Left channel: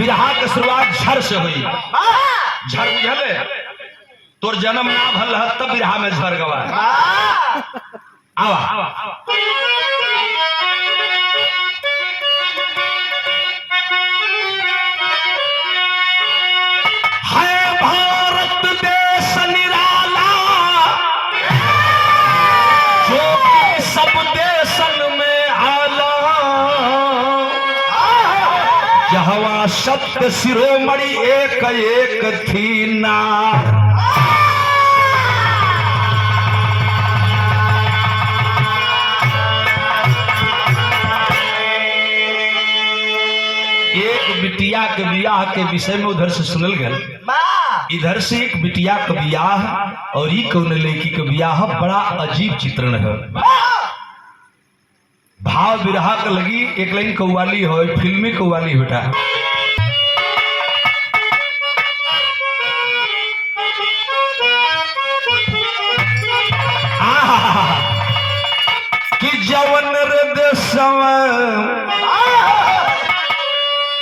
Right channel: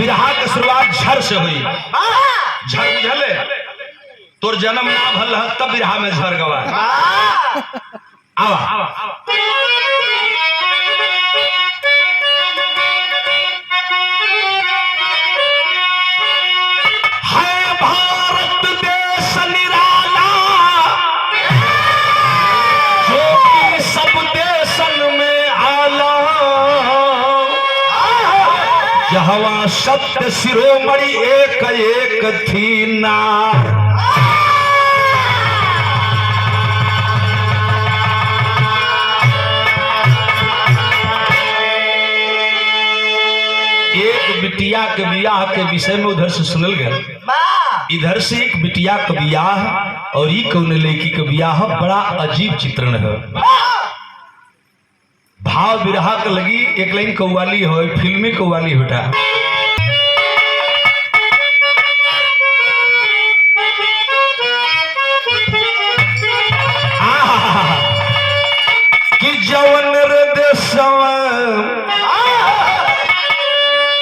बिरहा के शुरुआत झर से हुई। झर बुझले तोर जन्म ना भल तब बिरहा में झर गवा। आवा है भारत देश निराला जो कि सब देशन में आला, जहवा सत्य शिरोमणि एक एक थी नार। एक बिटिया के बियाह के विषय में उधर से सुनल गया, इधर से एक बिटिया का बियाह और ई कौन लड़की का बियाह, बड़ा अजीब चित्रण है। भाव बिरहा का लगी एक लाइन कव्वाली हो, फिल्मी कव्वाली होता कि जवन रे देशवा,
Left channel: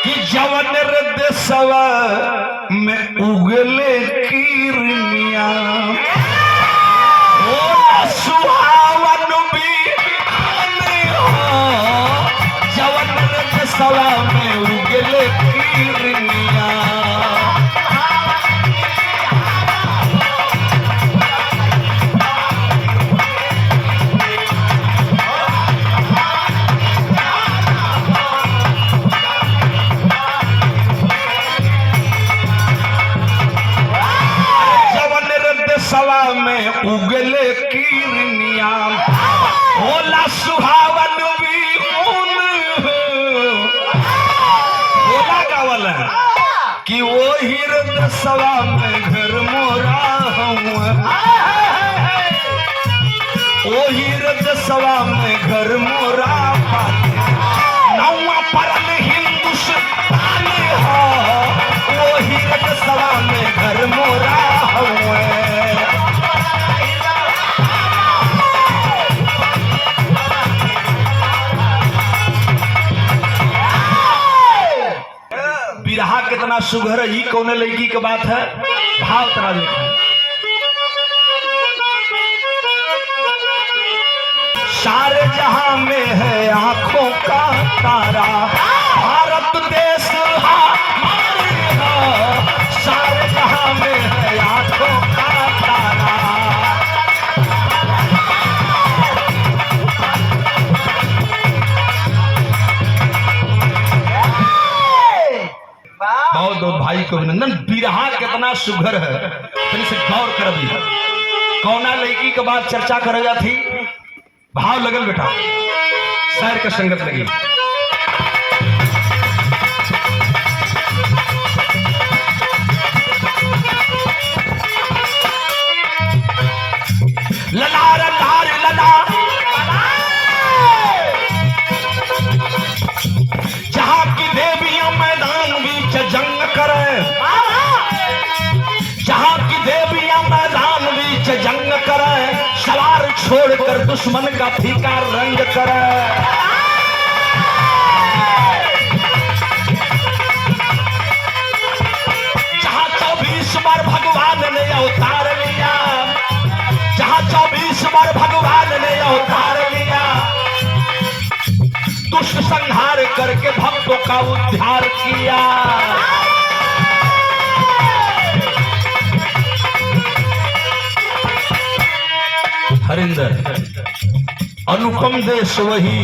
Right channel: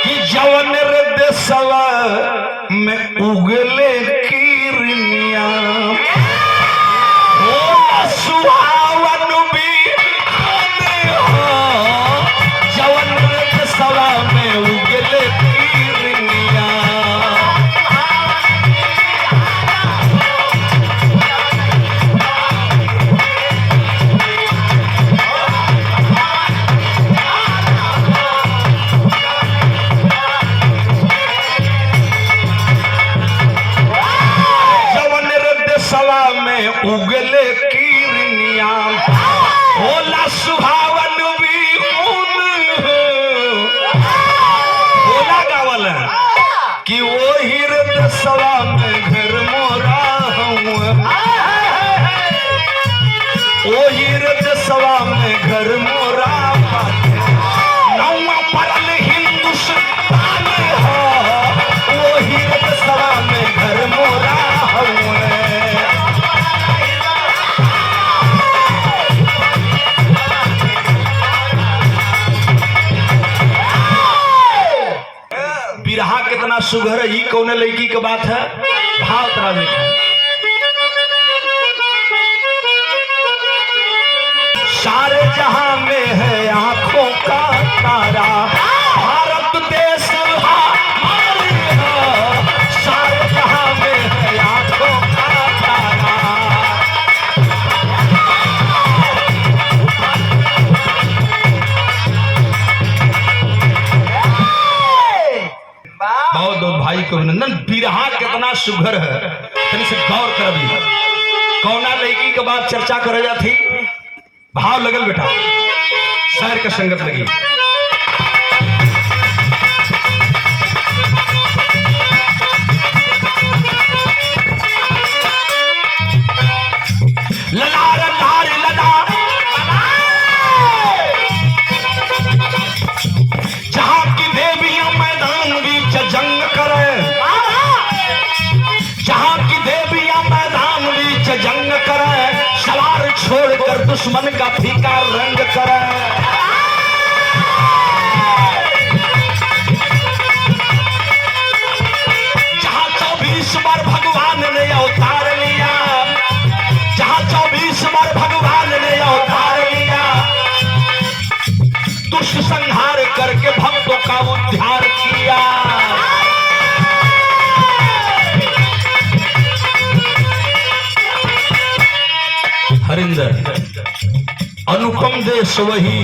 कि जवन रे देशवा में उगले किरनिया, हो सुहावन भी हमें हो, जवन रे देशवा में उगले किरनिया। उगले किरनिया होला सुहावन भी बोला गावल कि वो हिरदसवा में घर मोरा हूँ, ओ हिरदसवा में घर मोरा नौवा परल हिंदुस्तान हो, वो हिरदसवा में घर मोरा हूँ। बिरहा कितना सुघर ही कौन लड़की की बात है। भाव तरह देखा, सारे जहां में है आंखों का तारा, भारत देश हमारे है, सारे जहां में है आंखों का तारा। बहुत भाई को अभिनंदन। बिरहा कितना सुघर है, तनी से गौर कर भी। कौना लड़की के बाद चर्चा करे जाती, भाव लगल बेटा, शायर का संगत लगी। ललार लार लला जहां की देवियां मैदान बीच जंग करे, जहां की देवियां मैदान बीच जंग करे, सवार छोड़कर दुश्मन का फीका रंग करे। जहां 24 बार भगवान ने अवतार लिया, जहां 24 बार भगवान ने अवतार लिया, दुष्ट संहार करके भक्तों का उद्धार किया। हरिंदर अनुपम देश वही,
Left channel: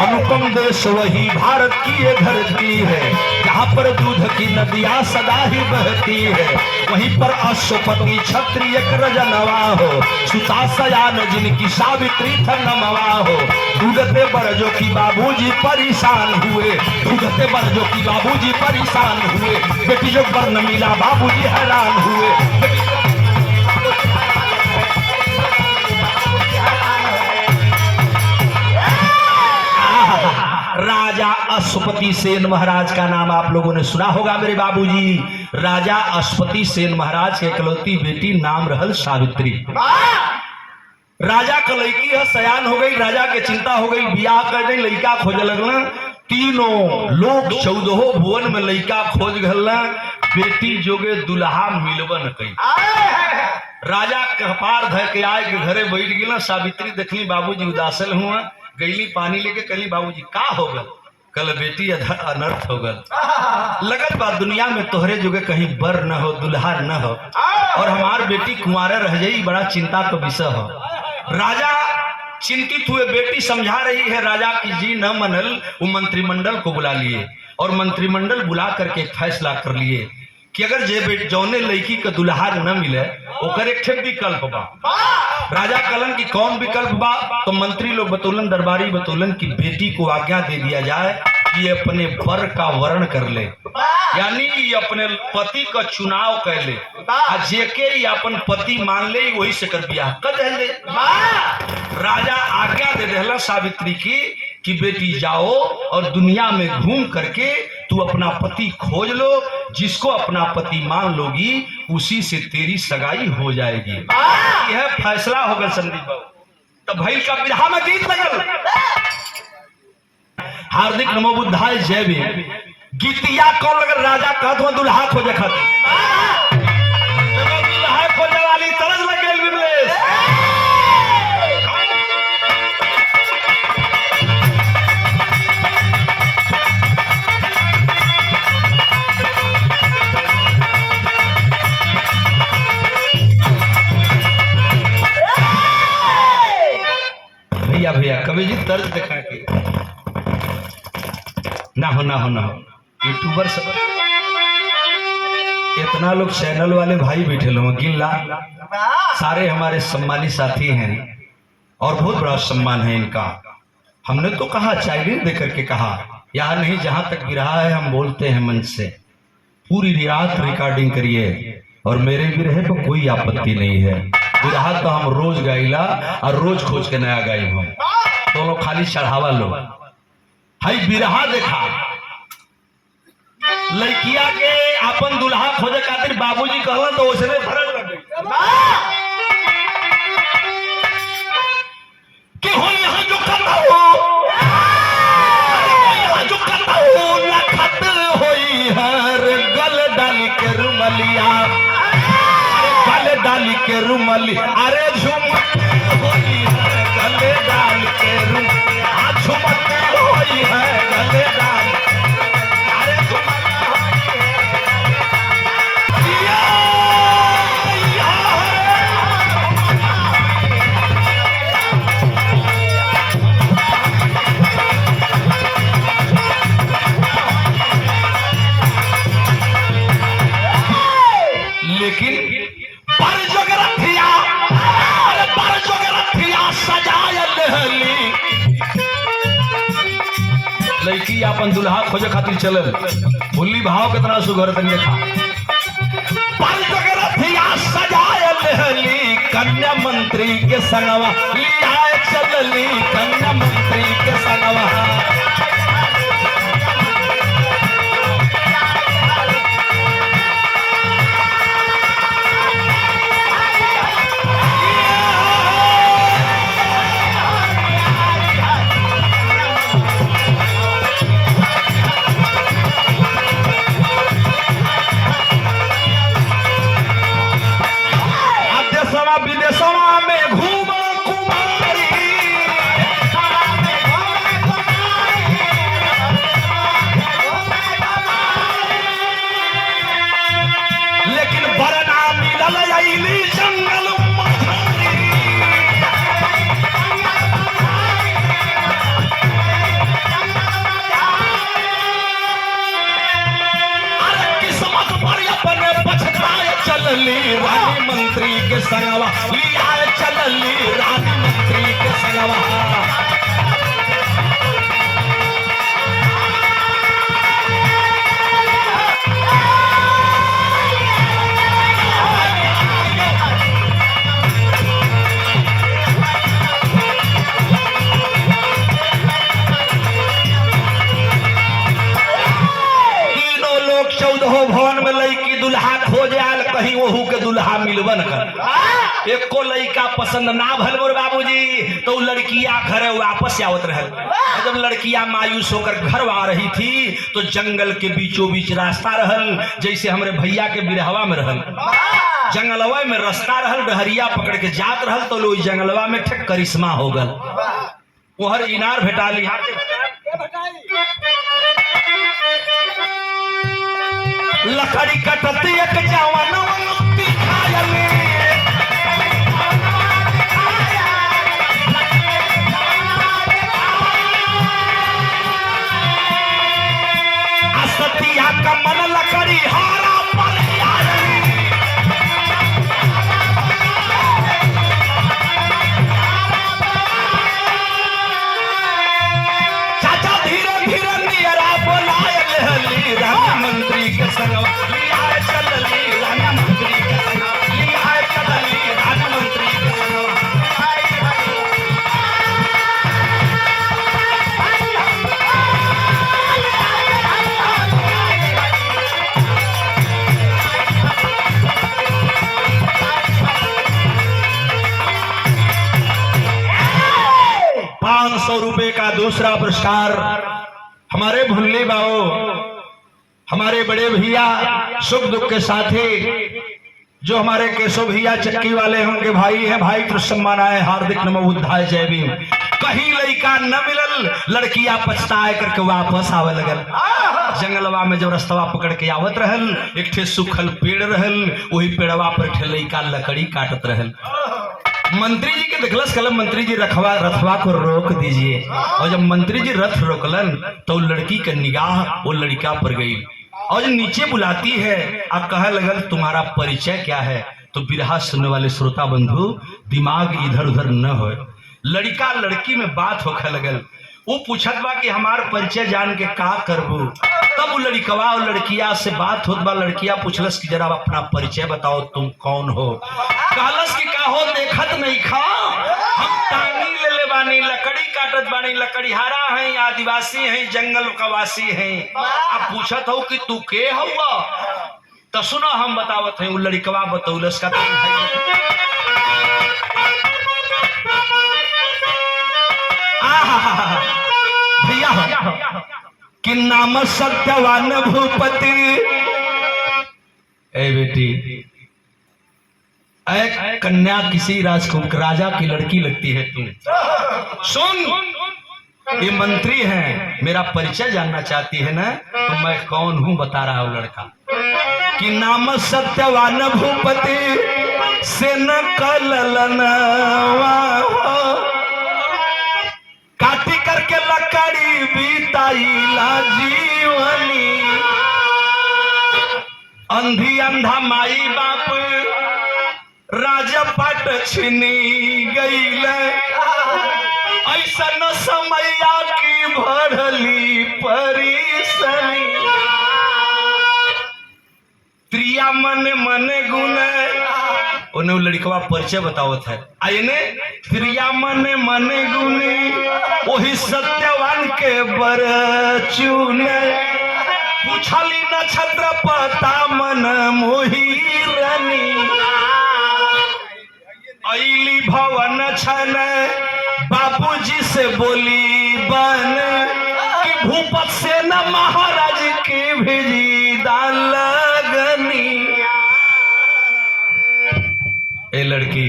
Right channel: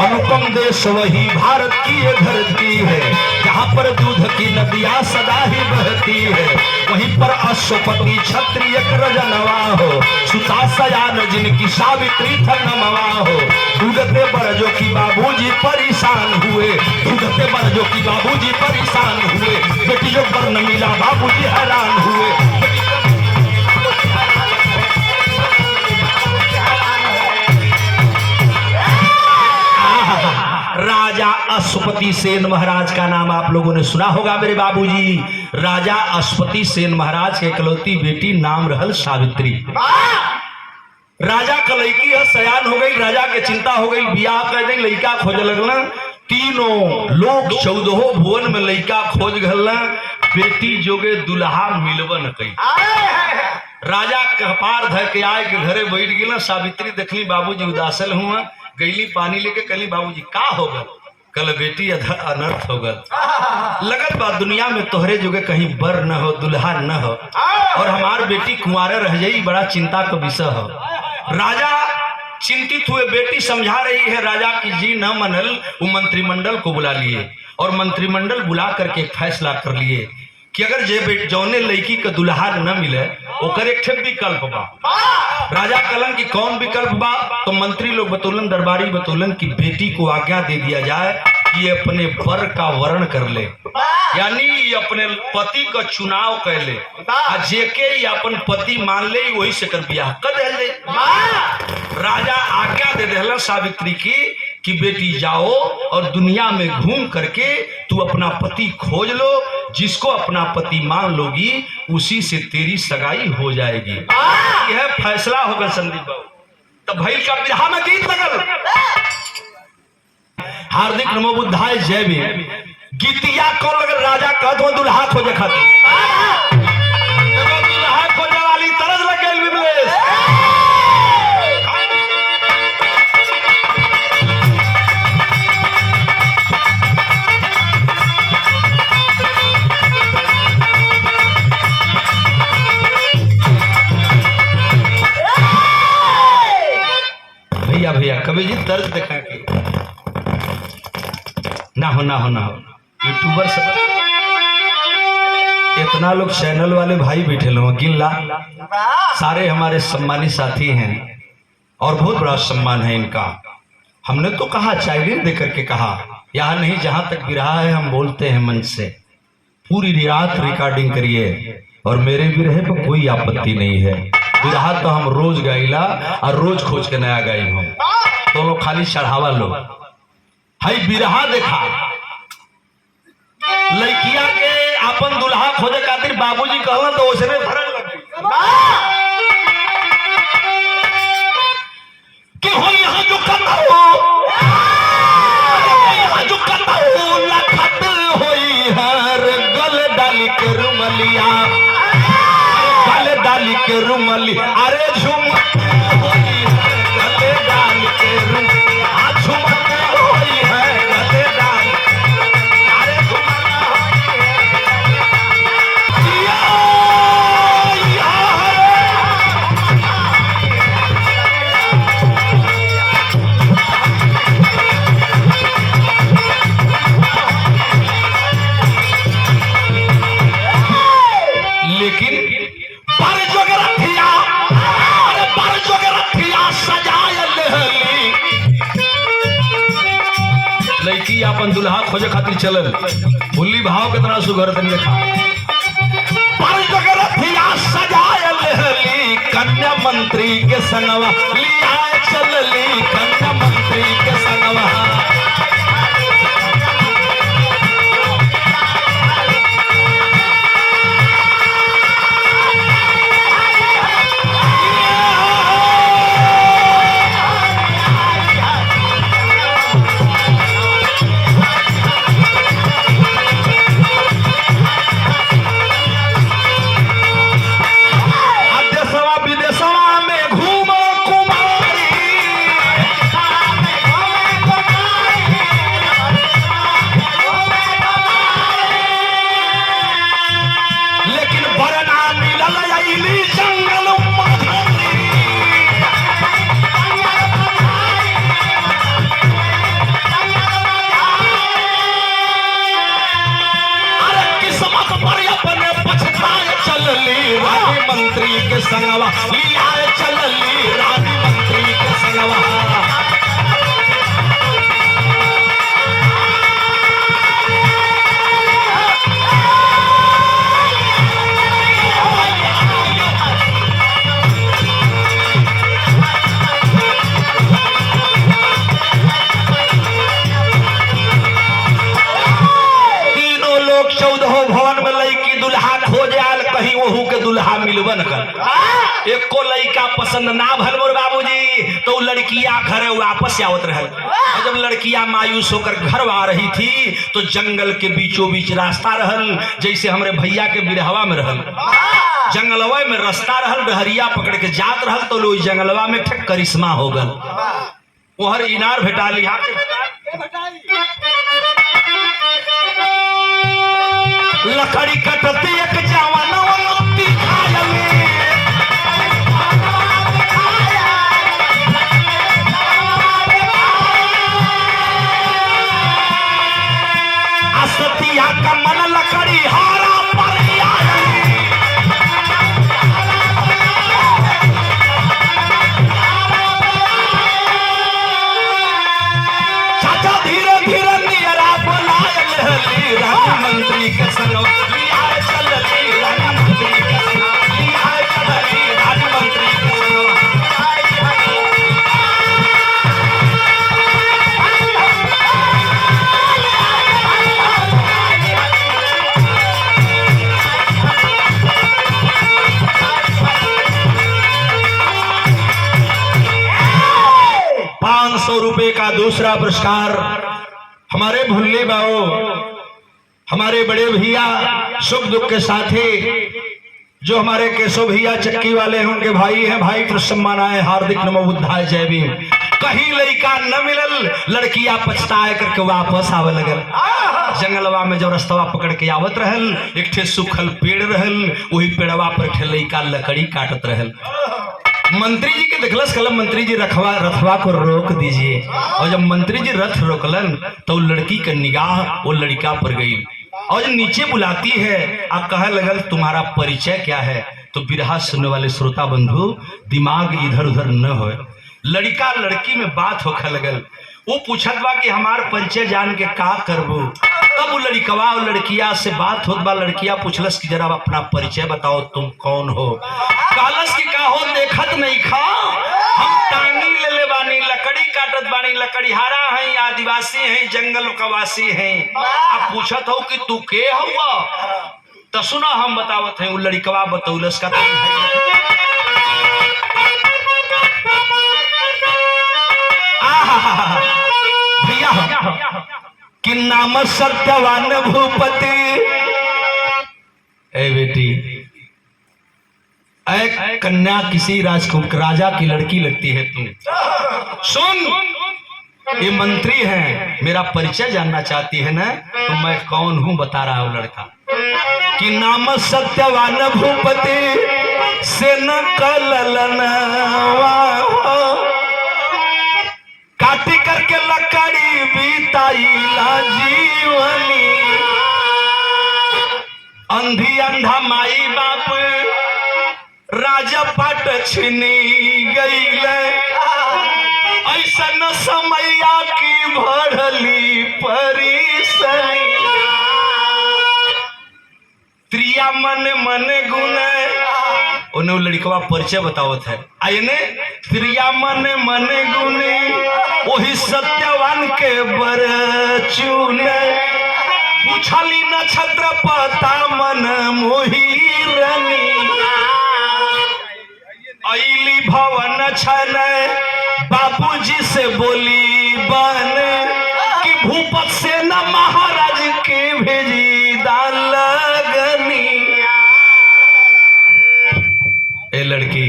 अनुपम देश वही भारत की ये धरती है, जहाँ पर दूध की नदियाँ सदा ही बहती है, वहीं पर अश्वपति क्षत्रिय रजनवा हो, सुता सयान जिनकी सावित्री थनमवा हो। दूधते बरजो की बाबूजी परेशान हुए, दूधते बरजो की बाबूजी परेशान हुए, बेटी जो वर्ण मिला बाबूजी हैरान हुए। राजा अश्वपति सेन महाराज का नाम आप लोगों ने सुना होगा मेरे बाबूजी। राजा अश्वपति सेन महाराज के इकलौती बेटी नाम रहल सावित्री। राजा का लड़की है, सयान हो गई, राजा के चिंता हो गई, बियाह कर दी, लड़का खोज लगल तीनों लोग 14 भुवन में लइका खोज गल, बेटी जोगे दुल्हा मिलबन कई। राजा कपार धर के आए के घरे बैठ गई। सावित्री देखली बाबूजी उदासल हुआ, गईली पानी लेके कहली बाबूजी का हो गल? कल बेटी अनर्थ हो गल। लगल बा दुनिया में तोहरे जोगे कहीं बर न हो, दुल्हा न हो, और हमार बेटी कुंवारे रह जाई, बड़ा चिंता का विषय हो। राजा चिंतित हुए, बेटी समझा रही है राजा की जी न मनल। वो मंत्रिमंडल को बुला लिए और मंत्रिमंडल बुला करके फैसला कर लिए कि अगर जे जौने लड़की का दुल्हा न मिले ओकर एक ठे विकल्प बा। राजा कलन की कौन विकल्प बा? तो मंत्री लोग बतौलन, दरबारी बतौलन कि बेटी को आज्ञा दे दिया जाए कि ये अपने वर का वर्ण कर ले, यानी अपने पति का चुनाव कर ले, जेके अपन पति मान ले वही से कर ब्याह कर दे। राजा आज्ञा दे दिला सावित्री की कि बेटी जाओ और दुनिया में घूम करके तू अपना पति खोज लो, जिसको अपना पति मान लोगी उसी से तेरी सगाई हो जाएगी। यह फैसला होगा संदीप बाबू। तब भैल का बिरहा में गीत लगल, हार्दिक नमो बुद्धाय जय भीम। गीतिया कौन लगल? राजा कहत हुआ दुल्हा खोजे खातिर, दुल्हा खोजे वाली तरस लग गई विमलेश। भैया कवि जी तर्ज देखा के ना हो यूट्यूबर सब इतना लोग चैनल वाले भाई बैठे लोग गिनला, सारे हमारे सम्मानित साथी हैं और बहुत बड़ा सम्मान है इनका। हमने तो कहा चाइल्ड दे करके कहा, यहाँ नहीं जहां तक बिरहा है हम बोलते हैं मन से। पूरी रात रिकॉर्डिंग करिए और मेरे बिरहे पर कोई आपत्ति नहीं है। बिरहा तो हम रोज गाइला और रोज खोज के नया गाई हम दोनों, खाली चढ़ावा लो। हाई बिरहा देखा लड़किया के अपन दुल्हा खोजे खातिर बाबूजी कहला तो उसने फरज लग गई कि हो यहाँ जो करना हो, यहाँ जो करना हो ना खतर होई हर गल डाली के रुमलिया, गल डाली के रुमली, अरे झुमक होई है गले डाल के रुमलिया, झुमक होई है गले डाल, अरे झुमक होई है। लेकिन लड़की अपन दुल्हा खोजे खातिर चलल, भुल्ली भाव कितना सुघर तन देखा। सजायली कन्या मंत्री के संगवा लिया चलली, कन्या मंत्री के संगवा। रानी मंत्री के संगवा लिया चलली, रानी मंत्री के संगवा। तीनों लोग 14 भवन में लईकी दुल्हा खोजे आल, कहीं वहू के दुल्हा मिलबन कर। एक को लड़का पसंद ना भल मोर बाबूजी तो लड़किया घर वापस आवत रहल। और जब लड़किया मायूस होकर घर आ रही थी तो जंगल के बीचों बीच रास्ता रहल, जैसे हमारे भैया के बिरहवा में रहल जंगलवा में रास्ता रहल, डहरिया पकड़ के जात रहल तो लोग जंगलवा में ठेक करिश्मा हो गल। वहर इनार भेटा ली लकड़ी कटत एक जवान ₹500 का दूसरा पुरस्कार हमारे भुल्ले बाओ, हमारे बड़े भैया सुख दुख के साथी जो हमारे केशव भैया चक्की वाले हैं, उनके भाई हैं, भाई को सम्मान आए, हार्दिक नमो बुद्धाय जय भीम। कहीं लड़का न मिलल, लड़कियां पछताए करके वापस आवे लगल। जंगलवा में जब रास्ता पकड़ के आवत रहल, एक ठे सूखल पेड़ रहल, वही पेड़वा पर ठे लड़का लकड़ी काटत रहल। मंत्री जी के देखलस, कलम मंत्री जी रथवा को रोक दीजिए। और जब मंत्री जी रथ रोकलन तो लड़की का निगाह वो लड़का पर गई और नीचे बुलाती है और कहे लगल तुम्हारा परिचय क्या है। तो बिरहा सुनने वाले श्रोता बंधु दिमाग इधर उधर न हो, लड़का लड़की में बात होखे लगल। वो पूछत बा कि हमार परिचय जान के का करबू। तब लड़कवा और लड़किया से बात होत बा, लड़किया पूछलस कि जरा अपना परिचय बताओ, तुम कौन हो। कहलस कि का हो देखत नहीं खा, हम टांगी ले ले बानी, लकड़ी काटत बानी, लकड़ीहारा हैं, आदिवासी हैं, जंगल का वासी हैं। अब पूछत हो कि तू के हुआ। तो सुना हम बतावत हैं। वो लड़कवा बतौलस का भैया कि नाम सत्यवान भूपति। ए बेटी, एक कन्या किसी राजकुमार राजा की लड़की लगती है तू। सुन, ये मंत्री है, मेरा परिचय जानना चाहती है ना, तो मैं कौन हूं बता रहा हूं। लड़का कि नाम सत्यवान भूपति से न कललनवा, काटी करके लकड़ी बीताईला जीवनी। अंधी अंधा माई बाप राजपट छिनी गईल, ऐसा न समैया की भरली परिसनी। त्रिया मन मन गुण, उन्हें लड़कवा परिचय बतावत है। आइने त्रिया मन मन गुण वही सत्यवान के बर चुने। पूछली नक्षत्र पता मन मोहिरनी। अली भवन छन बाबूजी से बोली बन कि भूपत से न महाराज के भेजी दान लगनी। ए लड़की,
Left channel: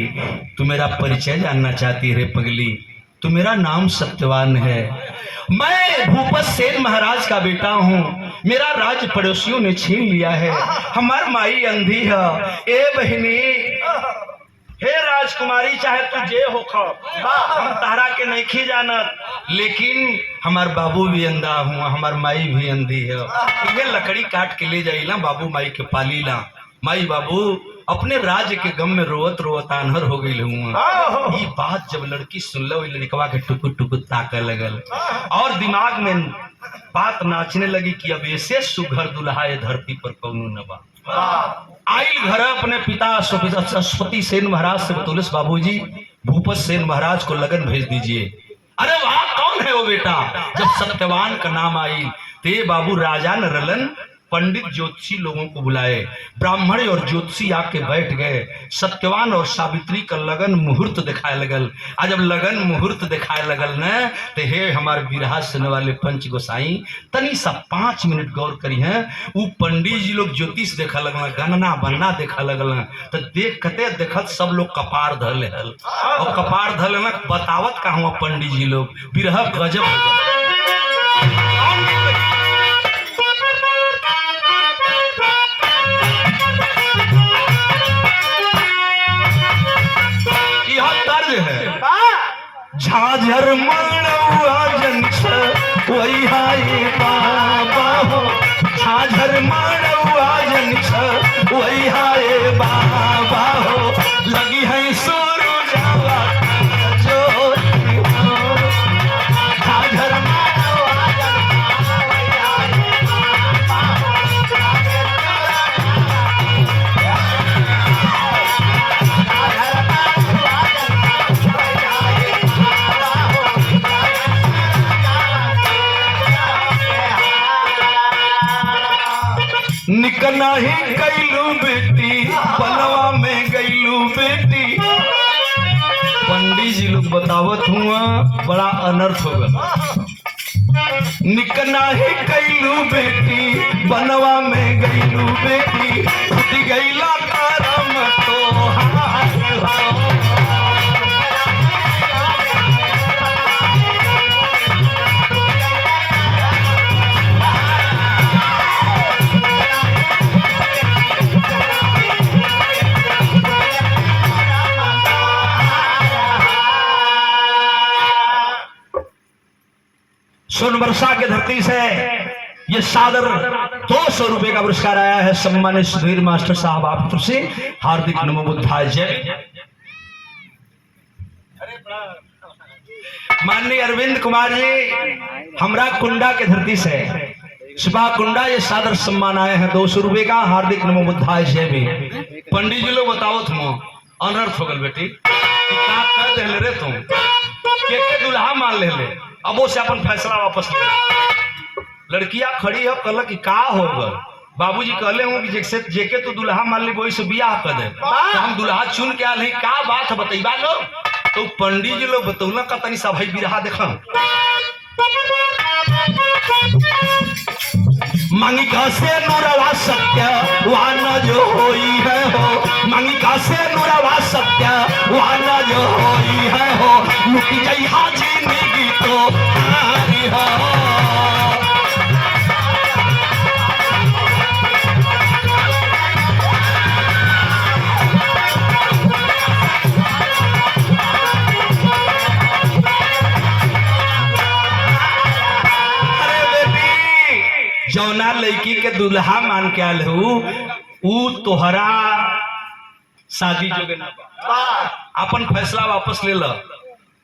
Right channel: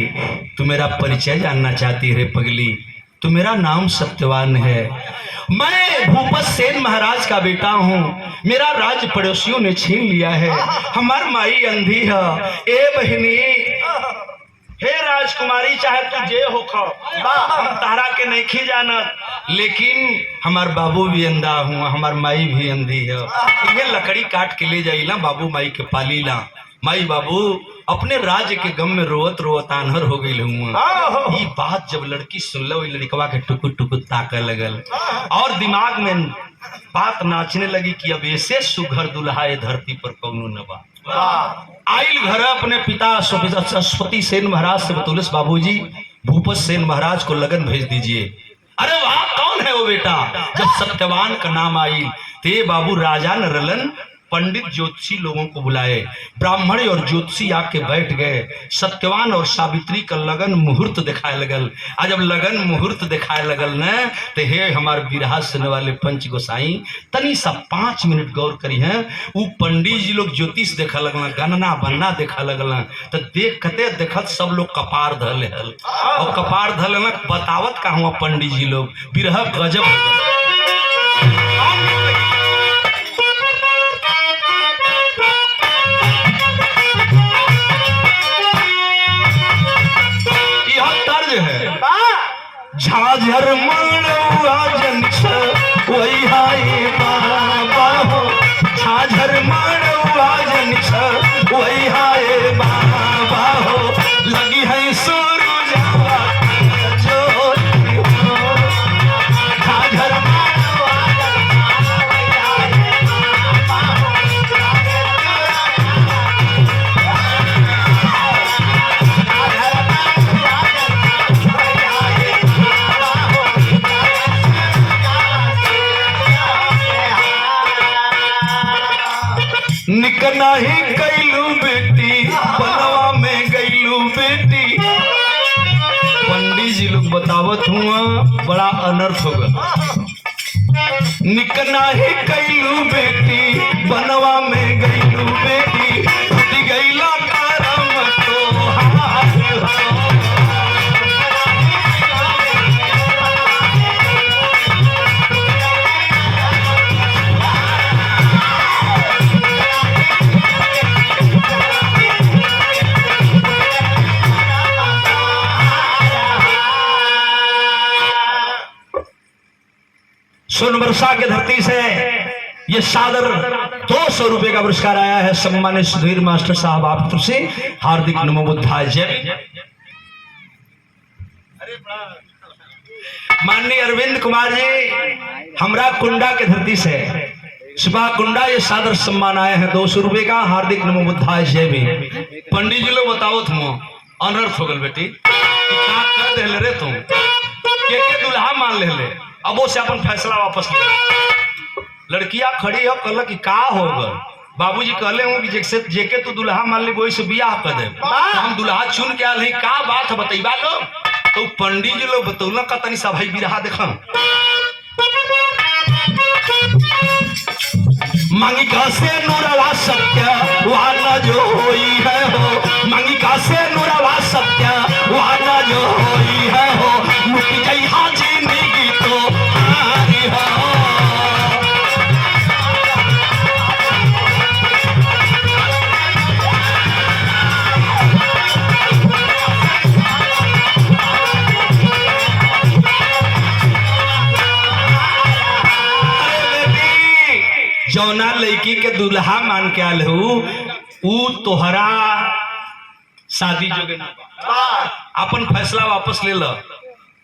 तू मेरा परिचय जानना चाहती है पगली। तो मेरा नाम सत्यवान है, मैं भूपत सेन महाराज का बेटा हूँ। मेरा राज्य पड़ोसियों ने छीन लिया है, हमार माई अंधी है। ए बहिनी, हे राजकुमारी, चाहे तू जे होखो, हम तहरा के नहीं खी जानत, लेकिन हमार बाबू भी अंधा हूँ, हमार माई भी अंधी है। ये लकड़ी काट के ले जाइला, बाबू माई के पाली ला। माई बाबू अपने राज्य के गम में रोवत रोवत आन्हर हो गई हूँ। ये बात जब लड़की सुन लो, लड़कवा के टुकुर टुकुर ताके लगल और दिमाग में बात नाचने लगी कि अब ऐसे सुघर दुल्हा धरती पर कौनो न बा। आइल घर अपने पिता सरस्वती सेन महाराज से बतौलस, बाबूजी भूपत सेन महाराज को लगन भेज दीजिए। अरे वाह, कौन है वो बेटा। जब सत्यवान का नाम आई ते बाबू राजा न रलन, पंडित ज्योतिषी लोगों को बुलाए। ब्राह्मण और ज्योतिषी आके बैठ गए। सत्यवान और सावित्री का लगन मुहूर्त दिखाए लगल। आज जब लगन मुहूर्त दिखाए लगल न, तो हे हमारे बिरहा सुनने वाले पंच गोसाई तनी सा 5 मिनट गौर करी है। वो पंडित जी लोग ज्योतिष देखा लगल, गणना बनना देखा लगल, तो देखते देखत सब लोग कपार धले हल और कपार धले बतावत का हुआ पंडित जी लोग बिरहा गजब हो गए। झाझर मानवा जन वही हाय बाबा हो, झाझर मानवा जन वही हाय बाबा हो, लगी है सूरज जो झाझर निकना ही गईलू बेटी बनवा में गईलू बेटी। पंडित जी लोग बतावत हुआ बड़ा अनर्थ होगा। निकना ही गईलू बेटी बनवा में गईलू बेटी, उठी गईला करम तो हाय हो। सोनबरसा के धरती से ये सादर 200 रुपए का पुरस्कार आया है। सम्मानित सुधीर मास्टर साहब आप तरफ से हार्दिक नमो बुद्धाय जय। माननीय अरविंद कुमार जी हमरा कुंडा के धरती से सुबह कुंडा ये सादर सम्मान आया है 200 रुपए का। हार्दिक नमो बुद्धाय जय। भी पंडित जी लोग बताओ तुम अनर्थ हो गल बेटी क्या कर दे रे तुम के दुल्हा मान ले अब वो से अपन फैसला वापस ले। लड़कियां खड़ी हो कल की का हो गल बाबूजी कहले हूँ कि जैसे जेके तू दुल्हा मान ली वही से बियाह कर दे तो हम दुल्हा चुन के आल का बात है बतैबा लो। तो पंडित जी लोग बतौल का तनी सा भाई बिरहा देखा मांगी का से नूरवा सत्य वाना जो होई है हो, मांगी का से नूरवा सत्य वाना जो होई है हो, मुकी जई हाजी नेगी तो हारी हो। जौना लड़की के दुल्हा मान के आल हूँ तोहरा शादी जोगे अपन फैसला वापस ले लो।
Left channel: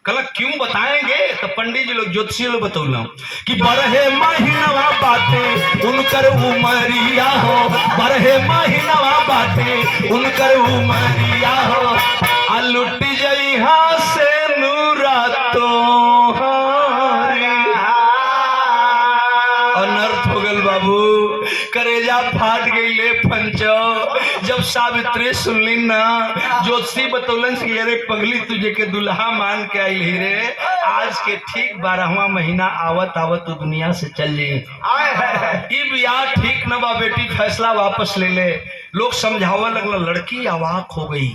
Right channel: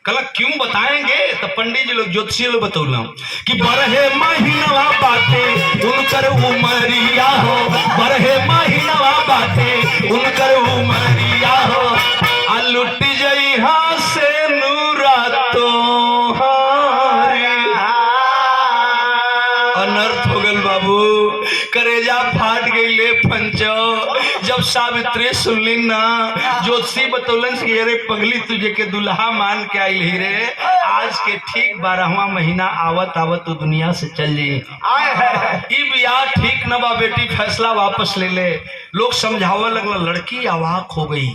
कल क्यों बताएंगे तो पंडित जी लोग ज्योतिषी लोग बतौला कि बरहे महीनवा बाटे उनकर उमरिया हो, बरहे महीनवा बाटे उनकर उमरिया हो, आ लुट जई हाँ से नूरा तो अनर्थ हो गल बाबू करेजा फाट गई ले पंचो। जब सावित्री सुनली ना ज्योतिषी बतौलन कि अरे पगली तुझे के दुल्हा मान के आई ही रे, आज के ठीक 12वां महीना आवत आवत तो दुनिया से चल जाई। बियाह ठीक न बा बेटी फैसला वापस ले ले। लोग समझावा लगला लड़की अवाक हो गई।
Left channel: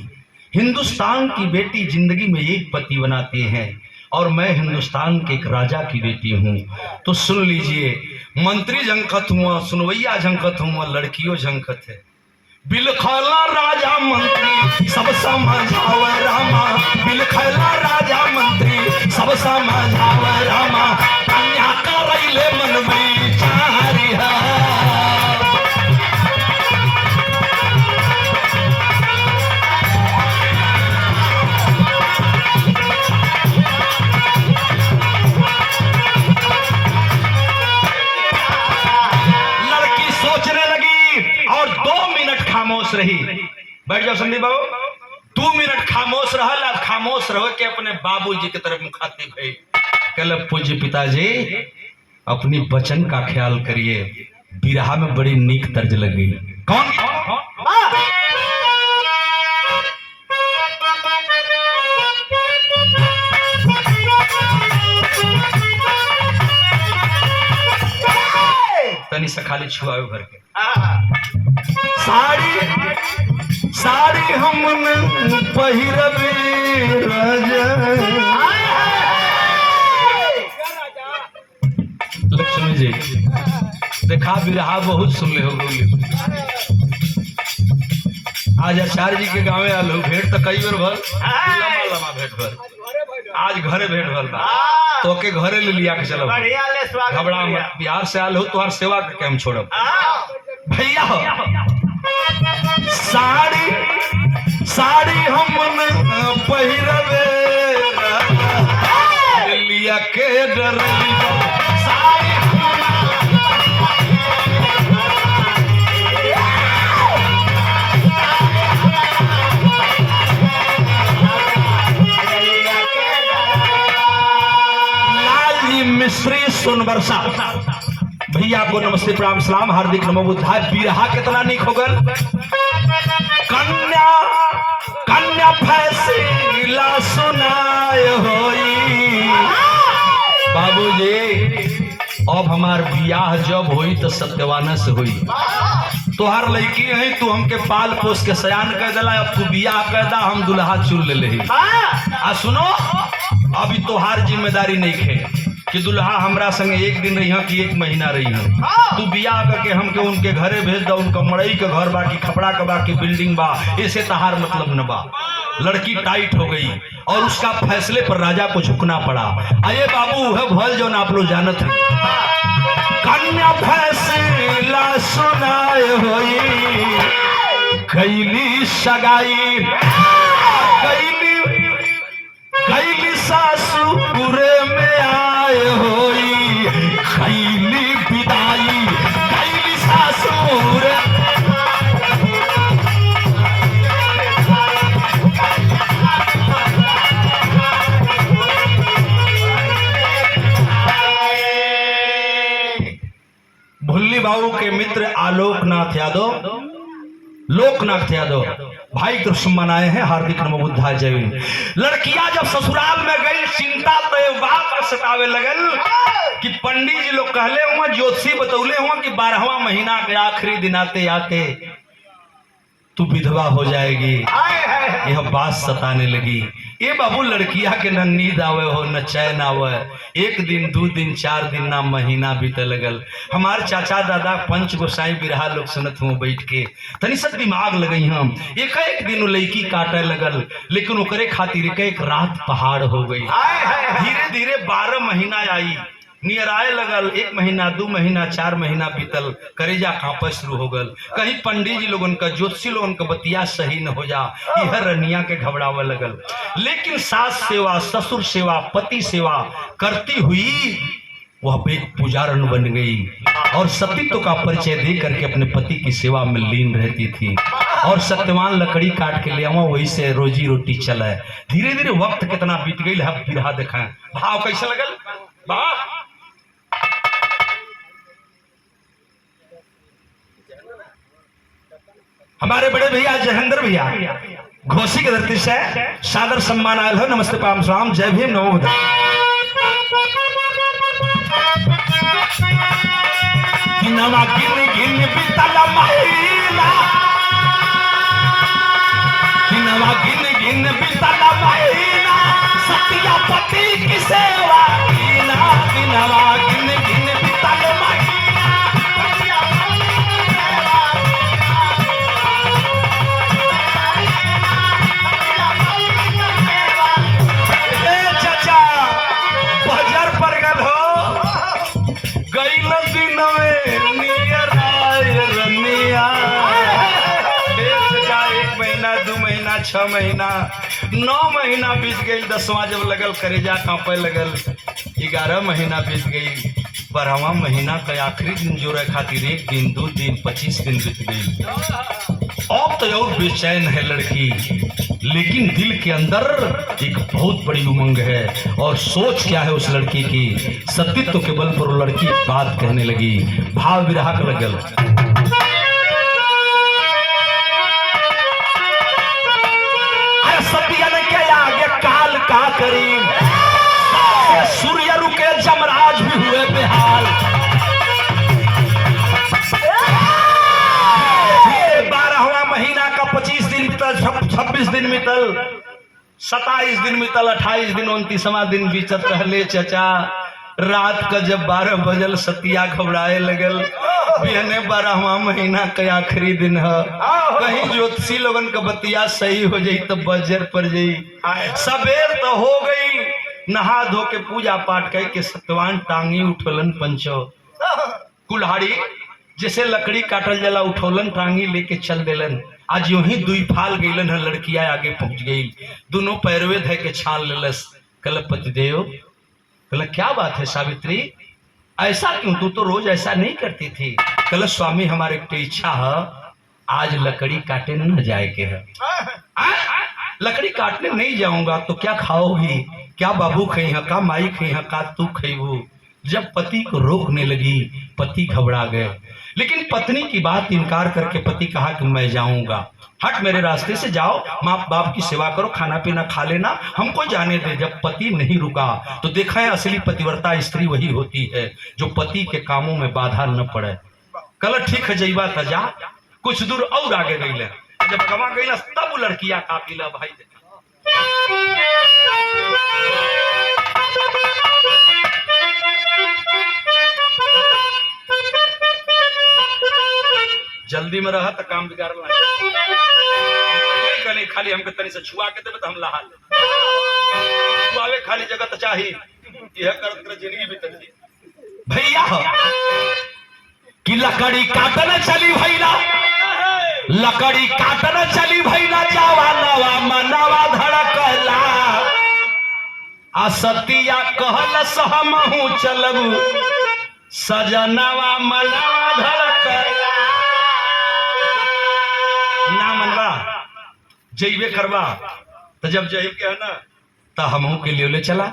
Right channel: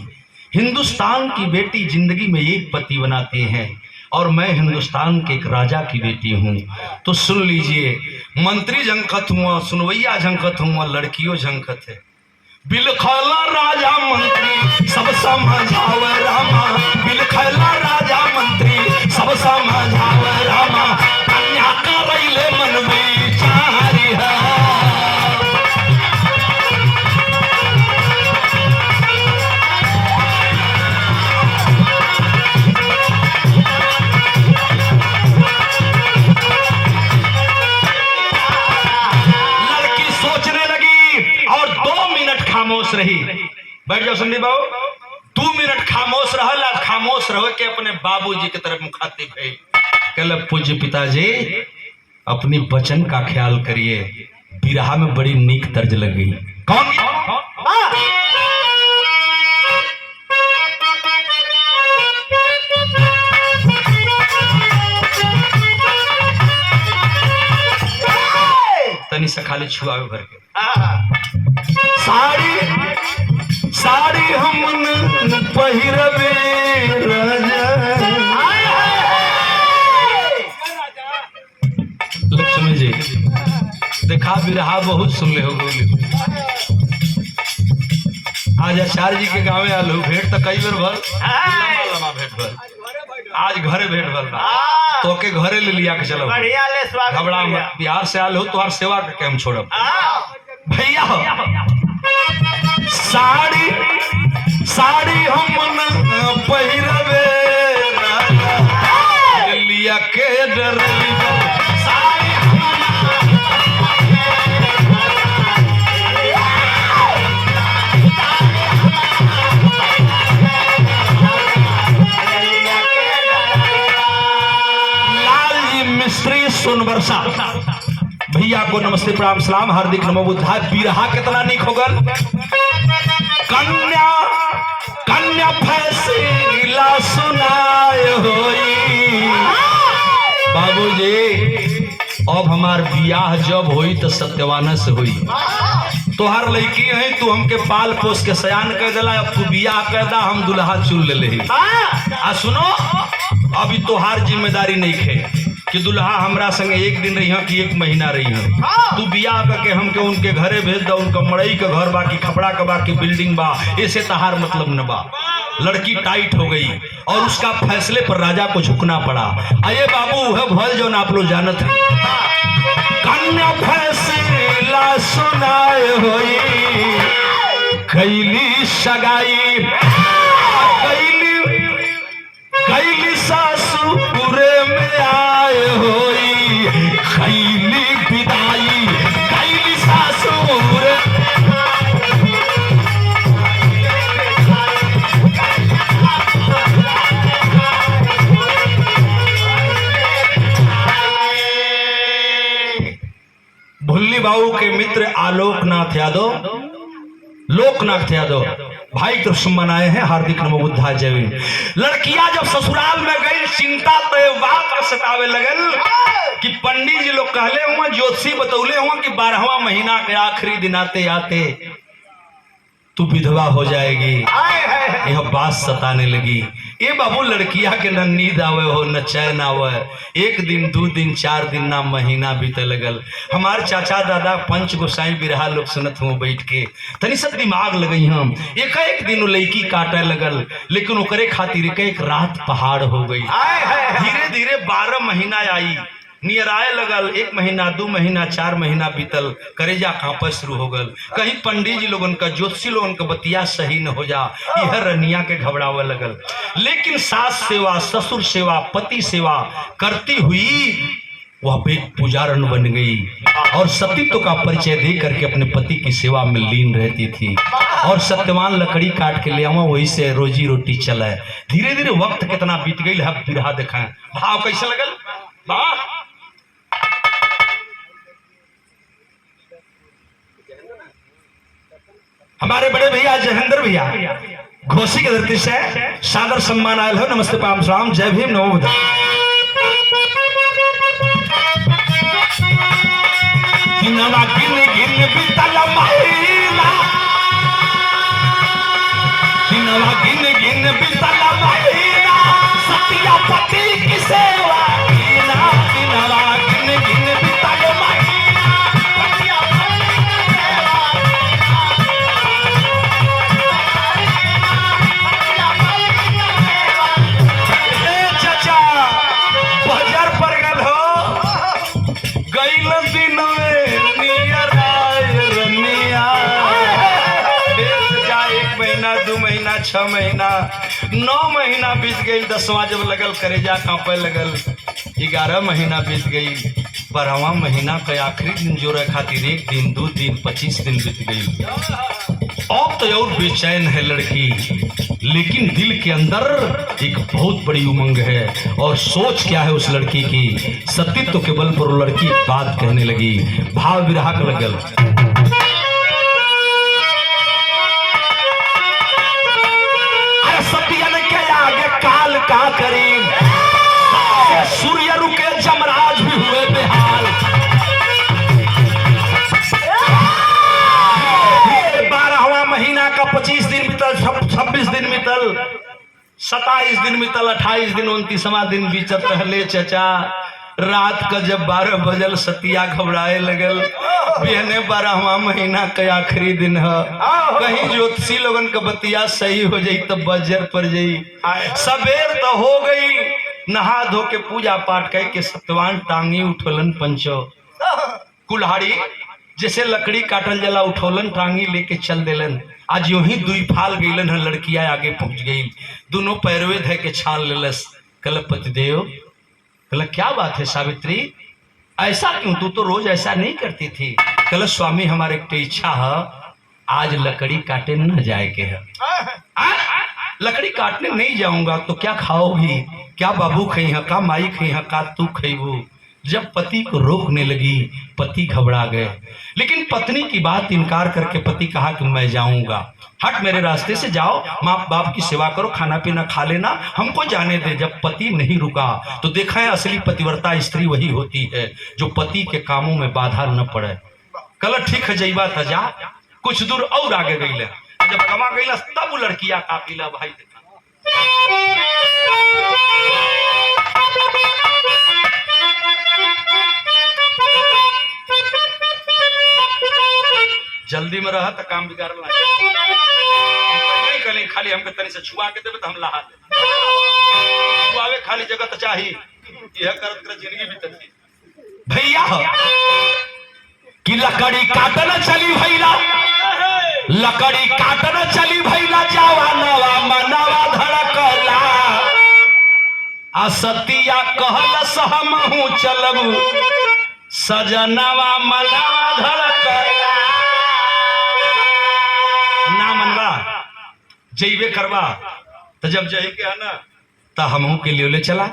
हिंदुस्तान की बेटी जिंदगी में एक पति बनाते हैं और मैं हिंदुस्तान के एक राजा की बेटी हूँ। तो सुन लीजिए मंत्री झंखत हुआ सुनवैया झंखत हुआ लड़कियों झंखत है। बिलखला राजा मंत्री सब समझावे रामा, बिलखला राजा मंत्री सब समझावे रामा, कन्या करैले मन विचारी है। रही बैठ जाओ संदीप बाबू 2 मिनट खामोश रहल। आप खामोश रहो के अपने बाबूजी की तरफ मुखातिब है। कल पूज्य पिताजी अपनी बचन का ख्याल करिए। बिरहा में बड़ी नीक तर्ज लग गई। कौन? तनी से खाली छुआवे भर के साड़ी साड़ी हमन पहिरबे लक्ष्मी जी देखा बिरहा बहुत सुन ले हो बोले। आज आचार्य जी के गाँव आलो भेंट तो कई बार भर लमा भेंट भर आज घरे भेंट भर तो के घरे ले लिया के चलो घबरा मत बिहार से आल हो तुम्हार सेवा करके हम छोड़ब भैया हो साड़ी साड़ी हम पहिरबे लिया के डर मिश्री सुनवर्षा भैया को नमस्ते प्रणाम सलाम हार्दिक नमो बुद्धाय। बिरहा कितना नीक होगन। कन्या कन्या फैसला सुनाए होई बाबूजी अब हमार बियाह जब होई तो सत्यवाना से होई। तोहार लड़की है तू हमके पाल पोस के सयान कर दिला अब तू बियाह कर दा हम दुल्हा चुन ले आ सुनो अभी तोहार जिम्मेदारी नहीं है कि दुल्हा हमरा संगे एक दिन रही कि एक महीना रही तू बियाह करके हमके उनके घरे भेज दो। उनका मड़ई के घर बा कि खपड़ा के बा कि बिल्डिंग बा ऐसे तहार मतलब न बा। लड़की टाइट हो गई और उसका फैसले पर राजा को झुकना पड़ा। अये बाबू है भल जो आप लोग जानत हैं कन्या फैसला सुनाए होई कैली सगाई कैली सासुरे में आए होई कैली विदाई कैली सासुर भुल्ली बाबू के मित्र आलोकनाथ यादव लोकनाथ यादव भाई कृष्ण बनाए हैं हार्दिक नमो बुद्धाय जय भीम। लड़कियां जब ससुराल में गई चिंता तो बात का सतावे लगल कि पंडित जी लोग कहले हुआ ज्योतिषी बतौले हुआ कि 12वां महीना के आखिरी दिन आते आते तू विधवा हो जाएगी। यह बात सताने लगी। ये बाबू लड़किया के न नींद आवे हो न चैन आवे। एक दिन 2 दिन 4 दिन ना महीना बीते लगल। हमारे चाचा दादा पंच गोसाई बिरहा लोग सुनत हुए बैठ के तनी सब दिमाग लगई हम एक दिन लड़की काटे लगल लेकिन ओकरे खातिर एक रात पहाड़ हो गई। धीरे धीरे 12 महीना आई नियराए लगल 1 महीना 2 महीना 4 महीना बीतल करेजा कांपे शुरू हो गल। कहीं पंडित जी लोगन का ज्योतिषी लोगन का बतिया सही न हो जा यह रनिया के घबरावे लगल। लेकिन सास सेवा ससुर सेवा पति सेवा करती हुई वह एक पुजारन बन गई और सतीत्व का परिचय दे करके अपने पति की सेवा में लीन रहती थी और सत्यवान लकड़ी काट के ले आवा वही से रोजी रोटी चला। धीरे धीरे वक्त कितना बीत गई है बिरहा दिखाएं भाव कैसे लगल वाह। हमारे बड़े भैया जयेंद्र भैया घोसी के धरती से सादर सम्मान आयल हो नमस्ते प्रणाम सलाम जय भीम नमो बुद्धाय। नवा गिन गिन बीतल महीना नवा गिन गिन बीतल महीना सतिया पति की सेवा कीना नवा गिन गिन बीतल महीना 2 महीना 6 महीना 9 महीना बीत गई। 10वां जब लगल करेजा कांपे लगल। 11 महीना बीत गई। 12वां महीना का आखिरी दिन जोड़े खातिर 1 दिन 2 दिन 25 दिन बीत गई। अब तो और बेचैन है लड़की, लेकिन दिल के अंदर एक बहुत बड़ी उमंग है। और सोच क्या है उस लड़की की, सतीत्व के बल पर वो लड़की बात कहने लगी, भाव विराह कर लगल। सतियन के आगे काल का करीब, सूर्य रुके जमराज भी हुए बेहाल। 12वां महीना का 25 दिन बीतल, 26 दिन बीतल, 27 दिन बीतल, 28 दिन, 29वां दिन बीतत रहले चचा। रात का जब 12 बजल सतिया घबराए लगल, बिहने 12वां महीना के आखिरी दिन है, कहीं ज्योतिषी लोगन का बतिया सही हो जाई तो बजर पर जाई। सवेर तो हो गई, नहा धो के पूजा पाठ करके सत्यवान टांगी उठोलन पंचो। कुल्हाड़ी जैसे लकड़ी काटल जला उठोलन टांगी लेके चल देलन। आज यूं ही दुई फाल गईलन है, लड़कियां आगे पहुंच गई, दोनों पैरवे धै के छान लेलस। कल पतिदेव, कल क्या बात है सावित्री, ऐसा क्यों, तू तो रोज ऐसा नहीं करती थी। कल स्वामी हमारे एक इच्छा है, आज लकड़ी काटे न जाए के है। लकड़ी काटने नहीं जाऊंगा तो क्या खाओगी, क्या बाबू खई है, का माई खई है, का तू खईबू। जब पति को रोकने लगी, पति घबरा गए, लेकिन पत्नी की बात इनकार करके पति कहा कि मैं जाऊंगा, हट मेरे रास्ते से जाओ, माँ बाप की सेवा करो, खाना पीना खा लेना, हमको जाने दे। जब पति नहीं रुका तो देखा है असली पतिव्रता स्त्री वही होती है जो पति के कामों में बाधा न पड़े। कल ठीक है जईबा तजा, कुछ दूर और आगे गई, जब कमा गई तब वो लड़कियां काफी ला भाई देखा। जल्दी में रहा तो काम बिगाड़ ला, खाली हमके तनी से छुआ के देवे तो हम लहा ले, छुआवे खाली जगह तो चाहिए, यह करत कर जिंदगी बीतती। भैया कि लकड़ी काटना चली भैला, लकड़ी काटना चली भैला, जवानवा मनवा धड़कला, असतिया कहल सहमहु चलबू, सजनवा मनवा धड़कला। ना मनवा जइबे करवा तो जब जही के है ना तो हमहू के लिए ले चला,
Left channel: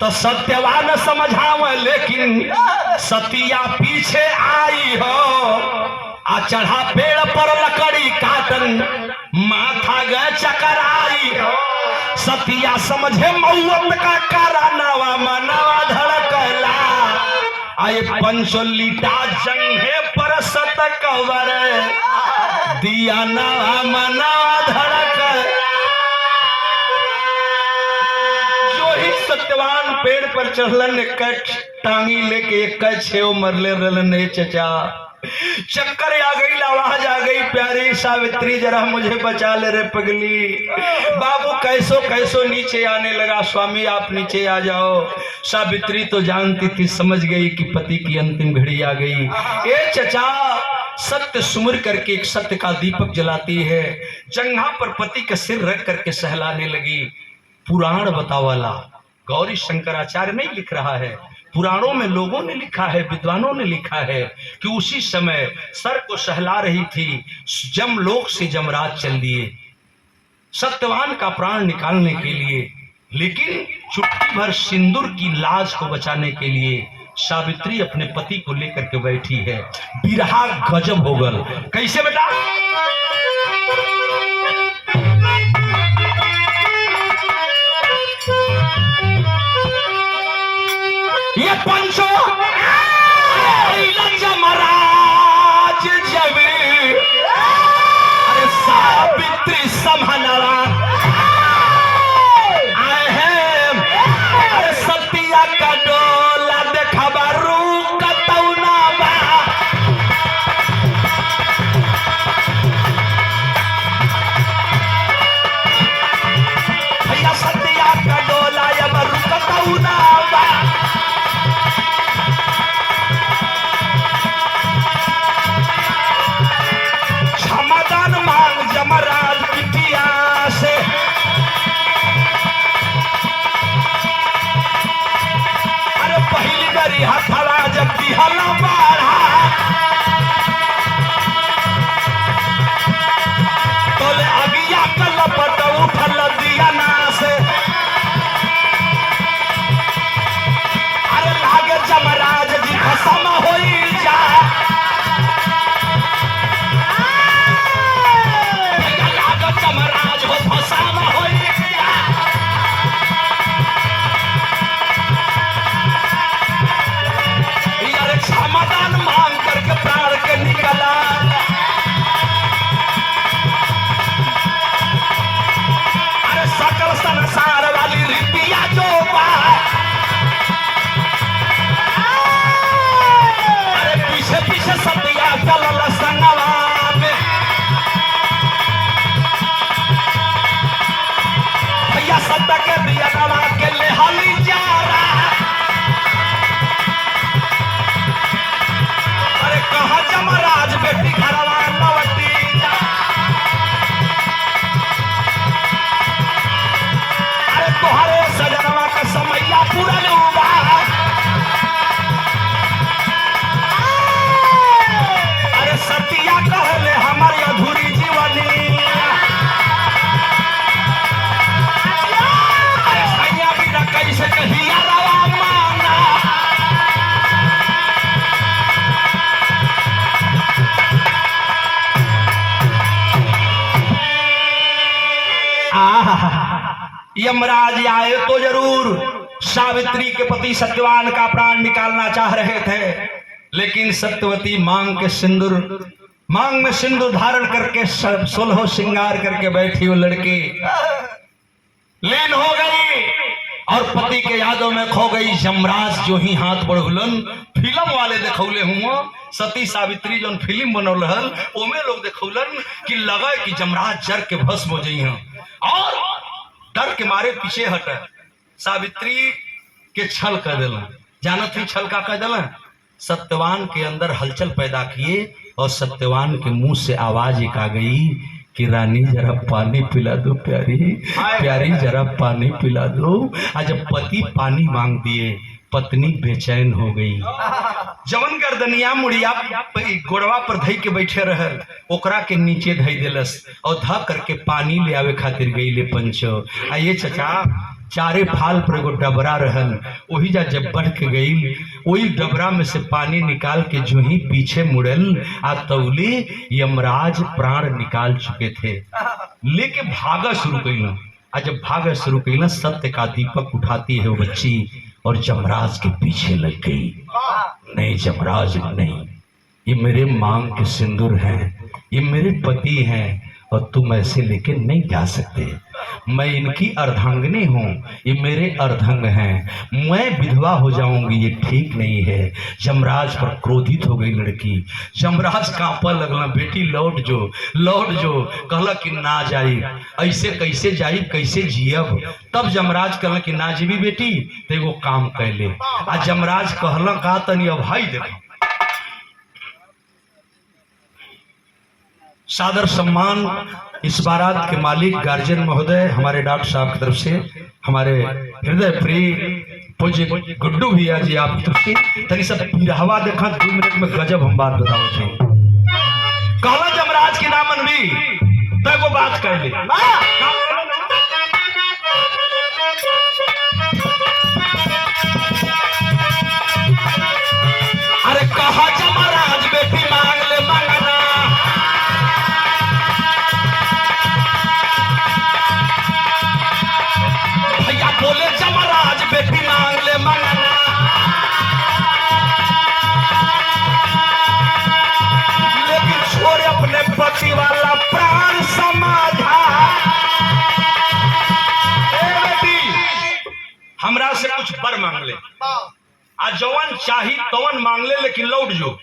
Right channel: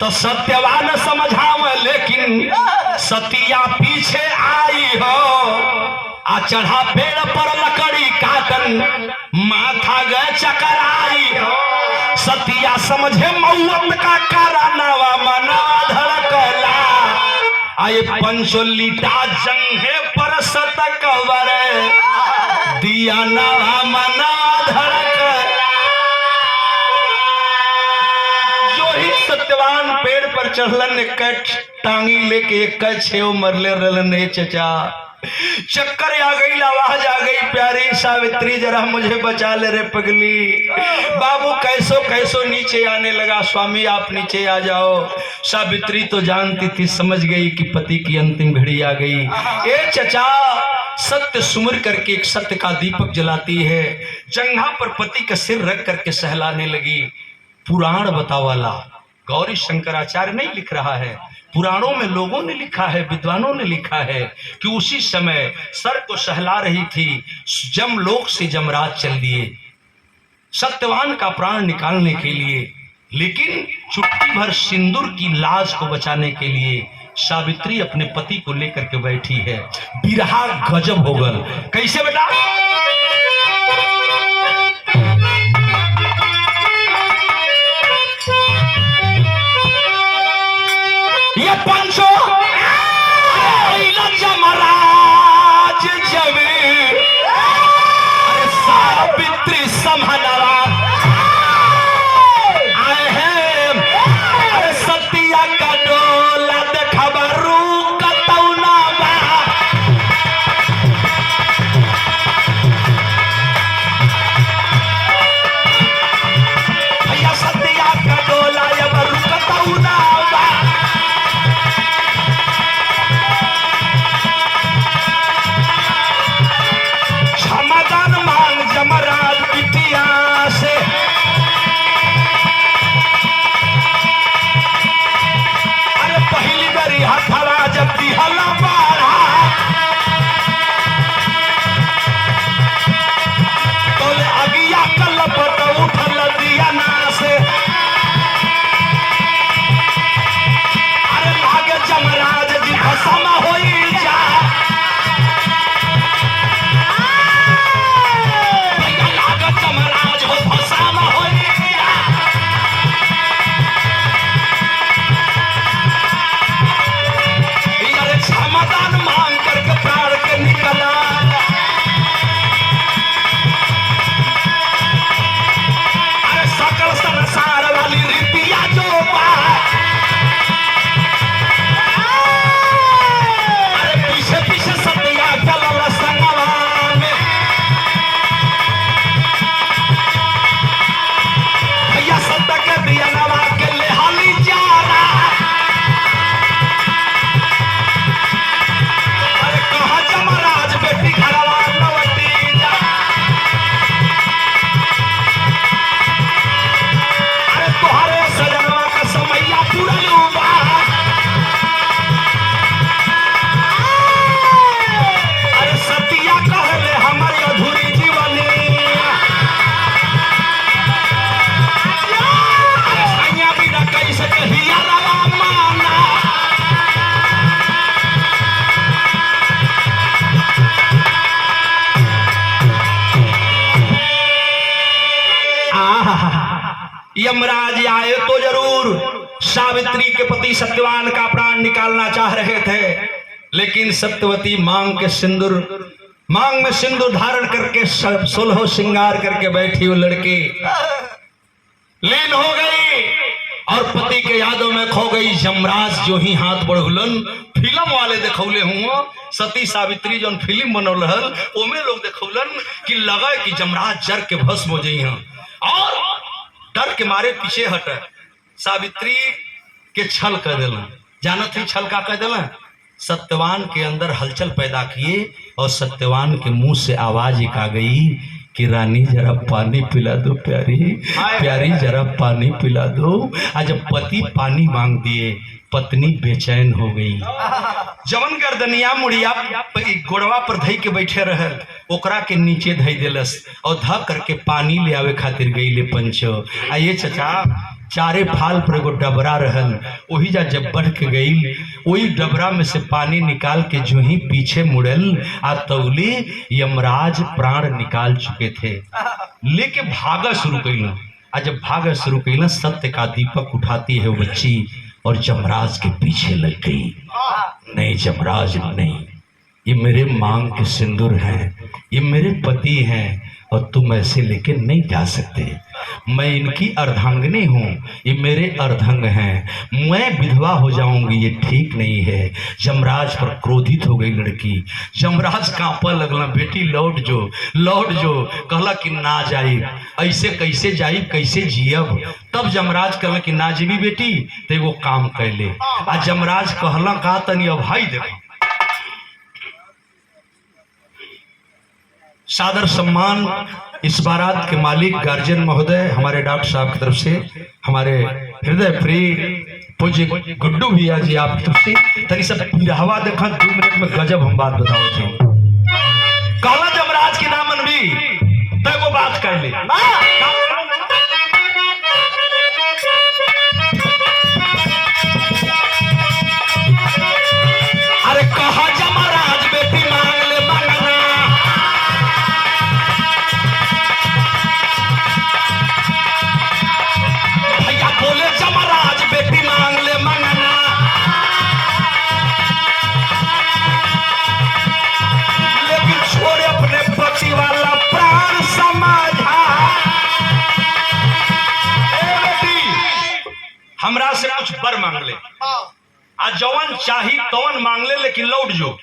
तो सत्यवान समझाव, लेकिन सतिया पीछे आई हो, आ चढ़ा पेड़ पर लकड़ी काटन, माथा गए चकराई हो। सतिया समझे मौत का कारनावा, मनवा धड़कला, आए पंचोलीटा जंघे पर सतकवर, दिया नवा मनवा धड़कला। जो ही सत्यवान पेड़ पर चढ़लन, एक टांगी लेके एक छेव मरले रहलन। चचा चक्कर आ गई, आवाज आ गई, प्यारी सावित्री जरा मुझे बचा ले रे पगली। बाबू कैसो कैसो नीचे आने लगा, स्वामी आप नीचे आ जाओ। सावित्री तो जानती थी, समझ गई कि पति की अंतिम घड़ी आ गई। ए चचा, सत्य सुमिर करके एक सत्य का दीपक जलाती है, जंघा पर पति का सिर रख करके सहलाने लगी। पुराण बतावाला गौरी शंकराचार्य नहीं लिख रहा है, पुराणों में लोगों ने लिखा है, विद्वानों ने लिखा है कि उसी समय सर को सहला रही थी, जमलोक से जमराज चल दिए सत्यवान का प्राण निकालने के लिए। लेकिन चुटकी भर सिंदूर की लाज को बचाने के लिए सावित्री अपने पति को लेकर के बैठी है। बिरहा गजब हो गल। कैसे बेटा? ये पंचो जमराज जब सावित्री संभलवा आए हैं, अरे सतिया का डोला देखा रू कतौना बा। भैया सतिया का डोला जब रू कतौना बा। समाधान मान जमा यमराज आए तो जरूर सावित्री के पति सत्यवान का प्राण निकालना चाह रहे थे, लेकिन सत्यवती मांग में सिंदूर धारण करके 16 श्रृंगार करके बैठी वो लड़की लीन हो गई और पति के यादों में खो गई। यमराज जो ही हाथ बढ़ुलन, फिल्म वाले देखौले हुआ सती सावित्री जो फिल्म बनल रहल ओमे लोग देखौलन कि लगा कि यमराज जर के भस्म हो जाई और डर के मारे पीछे हट। सावित्री के छल कर दिलन, जानत ही छल का कर दिलन, सत्यवान के अंदर हलचल पैदा किए और सत्यवान के मुंह से आवाज एक आ गई कि रानी जरा पानी पिला दो, प्यारी जरा पानी पिला दो। आज जब पति पानी मांग दिए, पत्नी बेचैन हो गई। जवन गर्दनिया मुड़िया गोड़वा पर धई के बैठे रहल ओकरा के नीचे धई देलस और ध करके पानी ले आवे खातिर गई ले पंचो। आइए चाचा, चारे फाल पर एगो डबरा रहल, वही जा जब बढ़ के गई वही डबरा में से पानी निकाल के जो ही पीछे मुड़ल आ तौले यमराज प्राण निकाल चुके थे, लेके भागा शुरू कैल। आज जब भागा शुरू कैल सत्य का दीपक उठाती है वो बच्ची और यमराज के पीछे लग गई। नहीं यमराज नहीं, ये मेरे मांग के सिंदूर हैं, ये मेरे पति हैं और तुम ऐसे लेके नहीं जा सकते। मैं इनकी अर्धांगिनी हूँ, ये मेरे अर्धांग हैं, मैं विधवा हो जाऊंगी, ये ठीक नहीं है। यमराज पर क्रोधित हो गई लड़की। यमराज कांपा लगला, बेटी लौट जो कहला कि ना जाई, ऐसे कैसे जाई, कैसे जियब। तब यमराज कहला कि ना जीवी बेटी, तो वो काम कैले। आज यमराज कहला का तनी अब भाई देखो सादर सम्मान इस बारात के मालिक गार्जियन महोदय हमारे डॉक्टर साहब की तरफ से, हमारे हृदय प्रिय पूज्य गुड्डू भैया जी आप तरफ से तनी सब हवा देखा 2 मिनट में गजब हम बात बताओ थे। कहला यमराज की नाम मनवी तय को बात कर ली। अरे कहा यमराज बेटी मांग ले मंगना, भैया बोले यमराज बेटी मांग ले मंगना। लेकिन छोड़ अपने पति वाला प्राण समाधा। ए बेटी हमरा से कुछ बर मांग ले, आज जवन चाही तवन मांग ले, लेकिन लौट जो।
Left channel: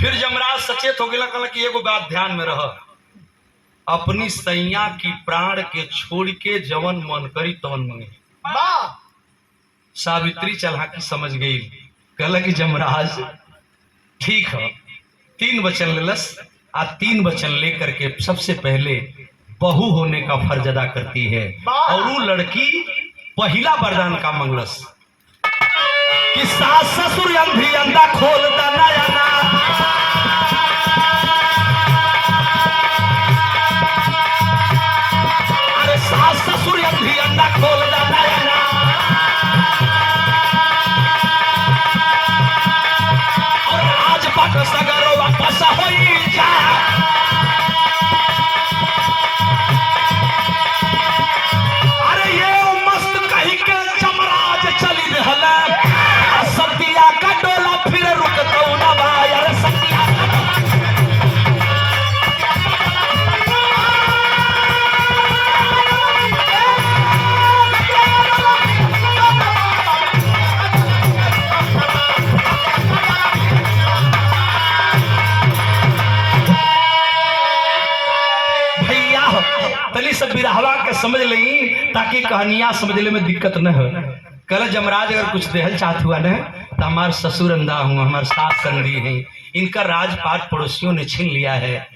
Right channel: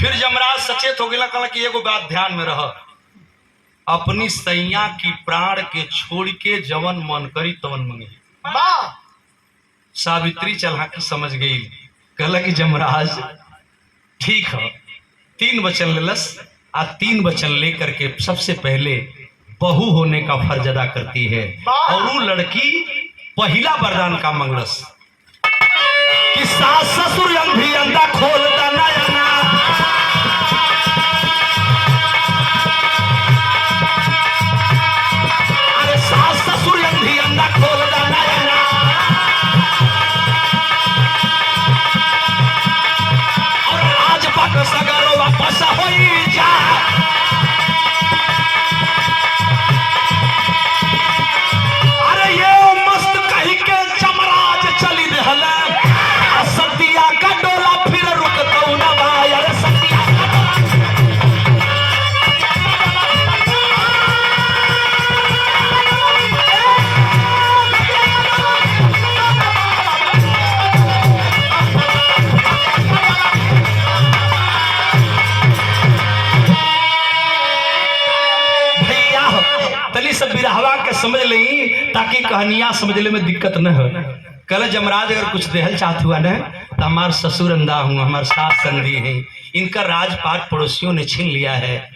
फिर यमराज सचेत हो गया, कहला कि एगो बात ध्यान में रह, अपनी सैया की प्राण के छोड़ के जवन मन करी तवन मंगे। सावित्री चलाकी समझ गई, कहला कि यमराज ठीक है। 3 वचन लेलस आ 3 वचन लेकर के सबसे पहले बहू होने का फर्ज अदा करती है और वो लड़की पहला वरदान का मंगलस कि सास ससुर भी अंधा खोलता नयना। अरे सास ससुर भी अंधा खोलता नयना। और आज पट सगरो वापस होई जा। अरे ये मस्त कही के यमराज चली रहला, सतिया का डोला फिर रुकतो ना भाई। अरे सतिया भैया तली सब बिरहवा के समझ ली ताकि कहानियां समझने में दिक्कत न हो। कल यमराज अगर कुछ देहल चाहत हुआ न तो हमारे ससुर अंधा हूँ, हमारे सास संधी है, इनका राजपाट पड़ोसियों ने छीन लिया है,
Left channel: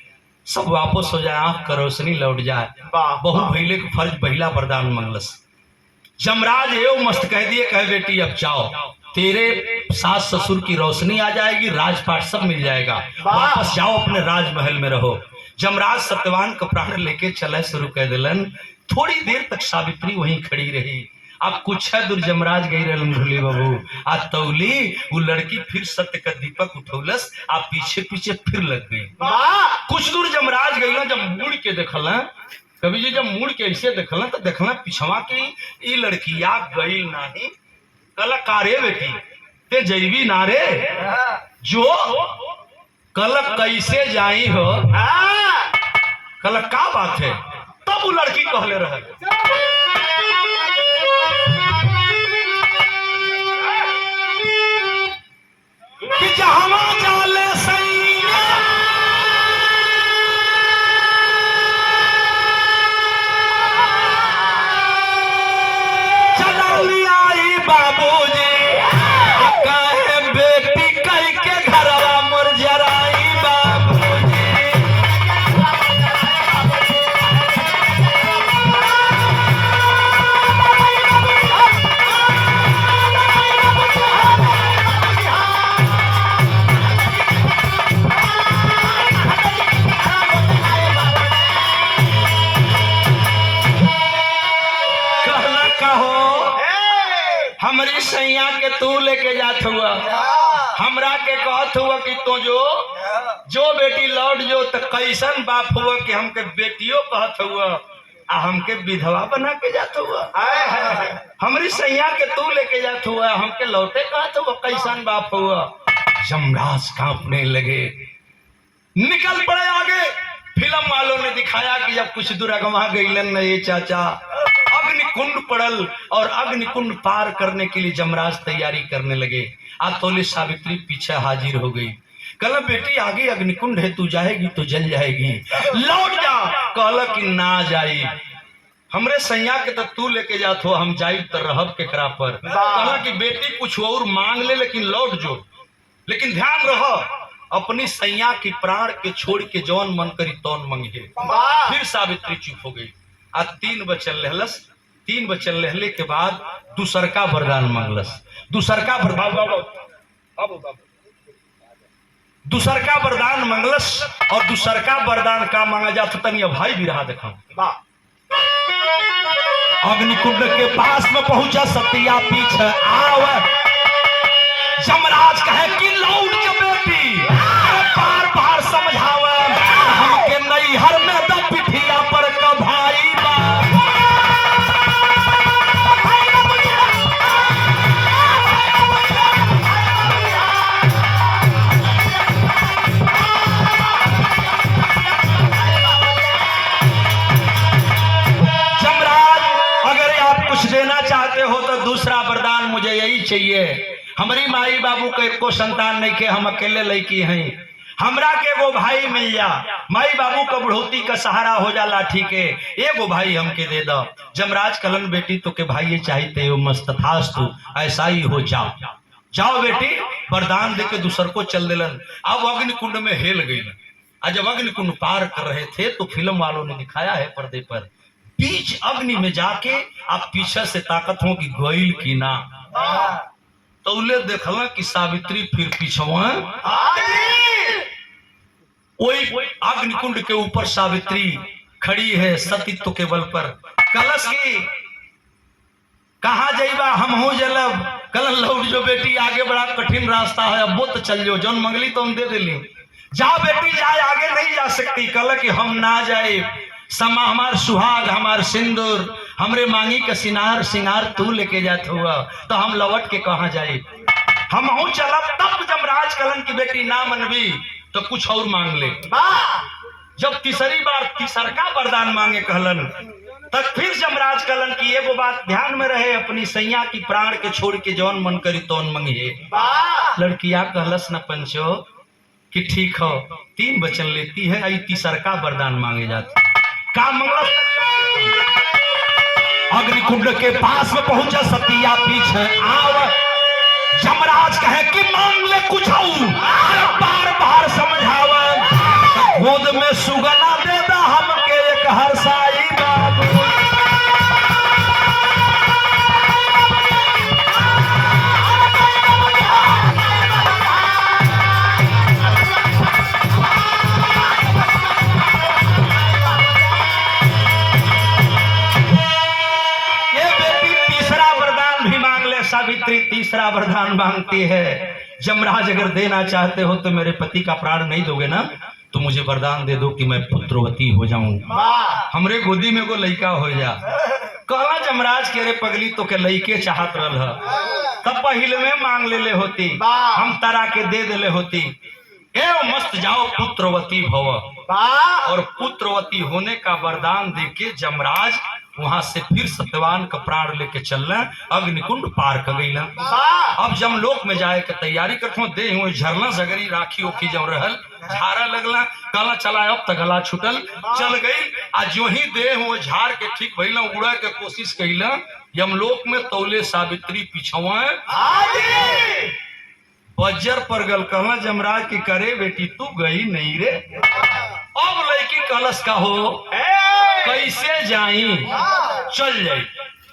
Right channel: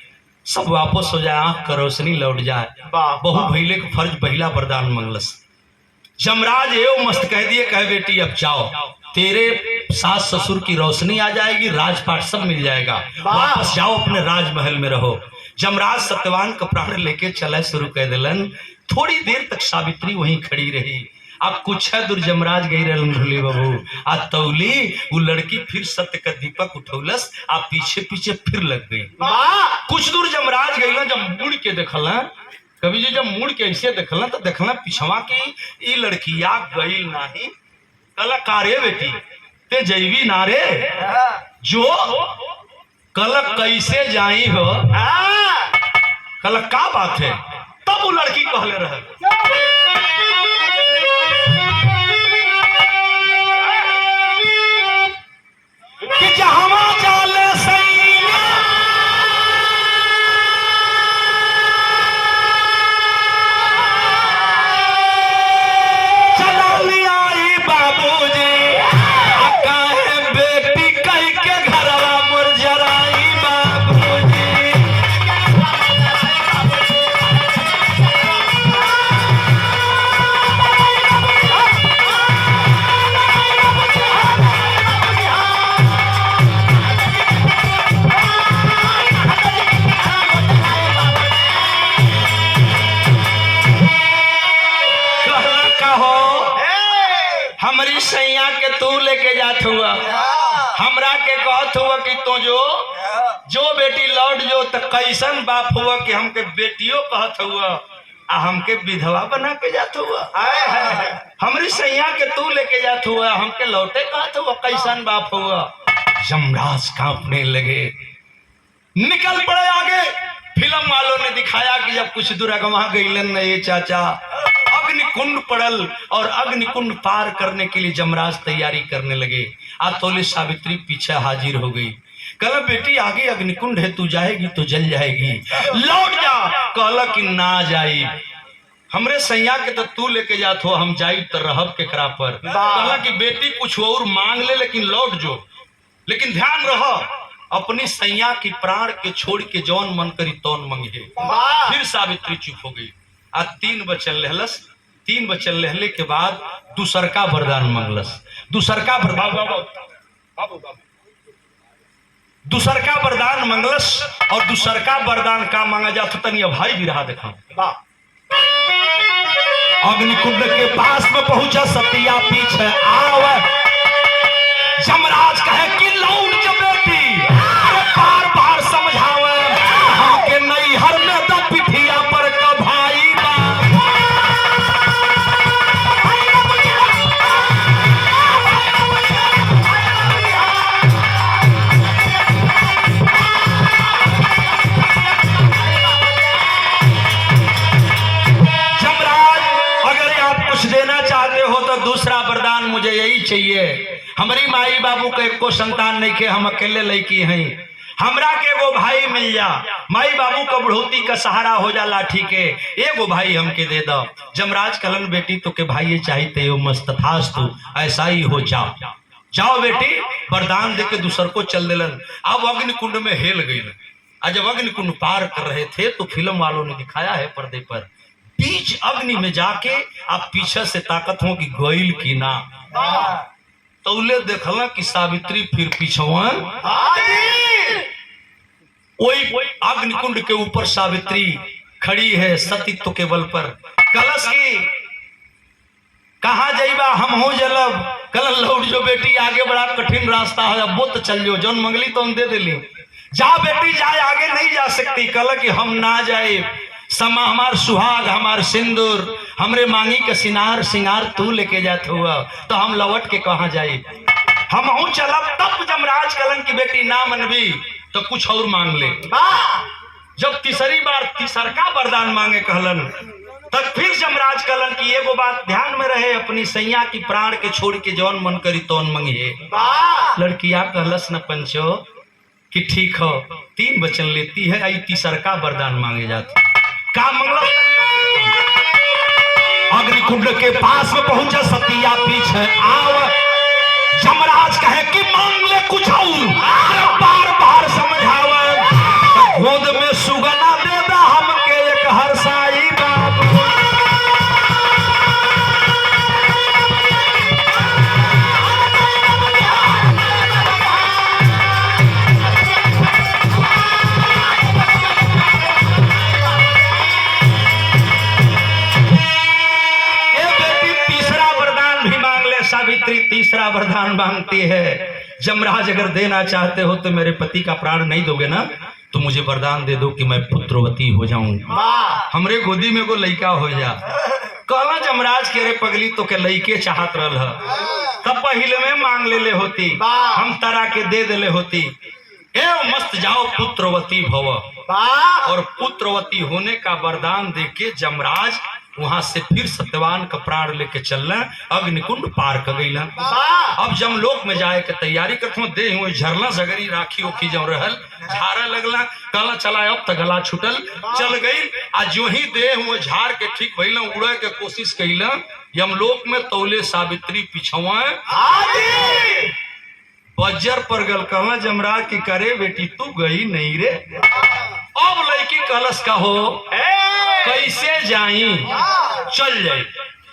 सब वापस हो जाए, आंख का रोशनी लौट जाए। बहु भैले को फर्ज पहला वरदान मंगलस। यमराज एवं मस्त कह दिए, कहे बेटी अब जाओ, तेरे सास ससुर की रोशनी आ जाएगी, राजपाट सब मिल जाएगा, वापस जाओ अपने राजमहल में रहो। यमराज सत्यवान का प्राण लेके चले शुरू कर दिलन। थोड़ी देर तक सावित्री वहीं खड़ी रही। अब कुछ है दूर यमराज गई रही बाबू आ तौली वो लड़की फिर सत्य का दीपक उठौलस आ पीछे पीछे फिर लग गई। कुछ दूर यमराज गई, जब मुड़ के देखल कवि जी जब मुड़ के ऐसे देखल तो देखना पिछवा की ई लड़किया गई नहीं कल कारे बेटी ते जैवी नारे जो कल कैसे जाई हो कल का बात है तब वो लड़की कहले रहे कि जहाँ जाले सैया चली आई बाबूजी काहे बेटी कह के घरवा मोर जराई बाबूजी कहला कहो हमारी सैया के तू लेके जात हुआ हमरा के कहत हुआ कि तो जो बेटी लौट जो तो कैसन बाप हुआ कि हमके बेटियों कहत हुआ आ हमके विधवा बना के जात हुआ हमारी सैया के तू लेके जात हुआ हमके लौटे कहत हुआ कैसन बाप हुआ यमराज कांपने लगे निकल पड़े आगे फिल्म वालों ने दिखाया कि जब कुछ दूर अगवा गईलन न ये चाचा अग्निकुंड पड़ल और अग्निकुंड पार करने के लिए जमराज तैयारी करने लगे आतोले सावित्री पीछे हाजिर हो गई कल बेटी आगे अग्निकुंड है तू जाएगी तो जल जाएगी लौट जा कहला कि ना जाई हमरे सैया के तो तू लेके जात हो हम जाई तो रहब के करा पर कहला कि बेटी कुछ और मांग ले लेकिन लौट जो लेकिन ध्यान रहो अपनी सैया की प्राण के छोड़ के जौन मन करी तौन मंगे फिर सावित्री चुप हो गई आज 3 वचन लहलस 3 वचन लहले के बाद दूसरका वरदान मंगलस दूसरका दूसरका वरदान मंगलस और दूसरका वरदान का मांगा जाता तनिया भाई भी रहा देखा अग्निकुंड के पास में पहुंचा सतिया पीछे आवा जमराज कहे कि लौट जा बेटी बार बार समझावा के नहीं हर में तो पिठिया पर का भाई जमराज अगर आप कुछ देना चाहते हो तो दूसरा वरदान मुझे यही चाहिए हमारी माई बाबू के एको संतान नहीं के हम अकेले लड़की हैं हमरा के एगो भाई मिल जा माई बाबू को बुढ़ौती का सहारा हो जा लाठी के एगो भाई हमके दे दो जमराज कलन बेटी तो के भाई चाहिए हो मस्तथास तू ऐसा ही हो जाओ बेटी वरदान दे के दूसर को चल दिलन अब अग्निकुंड में हेल गई आज जब अग्निकुंड पार कर रहे थे तो फिल्म वालों ने दिखाया है पर्दे पर बीच अग्नि में जाके आप पीछे से ताकत हो कि गोइल की ना तो उन्हें देखला कि सावित्री फिर पीछवा वही अग्निकुंड के ऊपर सावित्री खड़ी है सतीत्व के बल पर कलश की कहा जाइबा हम हो जलब कल लौट जो बेटी आगे बड़ा कठिन रास्ता है अब वो तो चल जो जौन मंगली तो हम दे दिली जा बेटी जाए आगे नहीं जा सकती कल कि हम ना जाए समा हमार सुहाग हमार सिंदूर हमरे मांगी का सिनार सिंगार तू लेके जात हुआ तो हम लौट के कहा जाए हम हूं चलब तब जमराज कलन की बेटी ना मनबी तो कुछ और मांग ले जब तीसरी बार तीसरका वरदान मांगे कहलन तब फिर जमराज कलन की एगो बात ध्यान में रहे अपनी सैया की प्राण के छोड़ के जौन मन करी तौन मंगिए लड़किया कहलस न पंचो कि ठीक हो 3 वचन लेती है आई तीसरका वरदान मांगे जाते का मंगल अग्निकुंड के पास में पहुंचा सतिया पीछे आव जमराज कहे कि मांग ले कुछ बार बार समझावा गोद में सुगना दे दा हमके एक हरसाई बाबू तीसरा वरदान मांगती है जमराज अगर देना चाहते हो तो मेरे पति का प्राण नहीं दोगे ना तो मुझे वरदान दे दो कि मैं पुत्रवती हो जाऊं, हमरे गोदी में को लड़का हो जा। कहला जमराज के रे पगली तो के लड़के चाहत रहल है, तब पहले में मांग ले होती, हम तारा के दे देले होती। ए मस्त जाओ पुत्रवती भव। और पुत्रवती होने का वरदान देके जमराज वहां से फिर सत्यवान का प्राण लेके चलना, अग्निकुंड पार कर गई। अब जमलोक में जाए के तैयारी करते दे हुए झरना जगरी राखी ओखी जम रहल, झारा लगला, कहला चला अब तक गला छुटल, चल गई। आज जो ही दे हुए झाड़ के ठीक भइल, उड़ा के कोशिश कैला, यमलोक में तौले सावित्री पिछवा बज्जर पर गल। कहला जमराज की करे बेटी तू गई नहीं रे। अब लड़की कलश का हो कैसे जाई, चल जाई,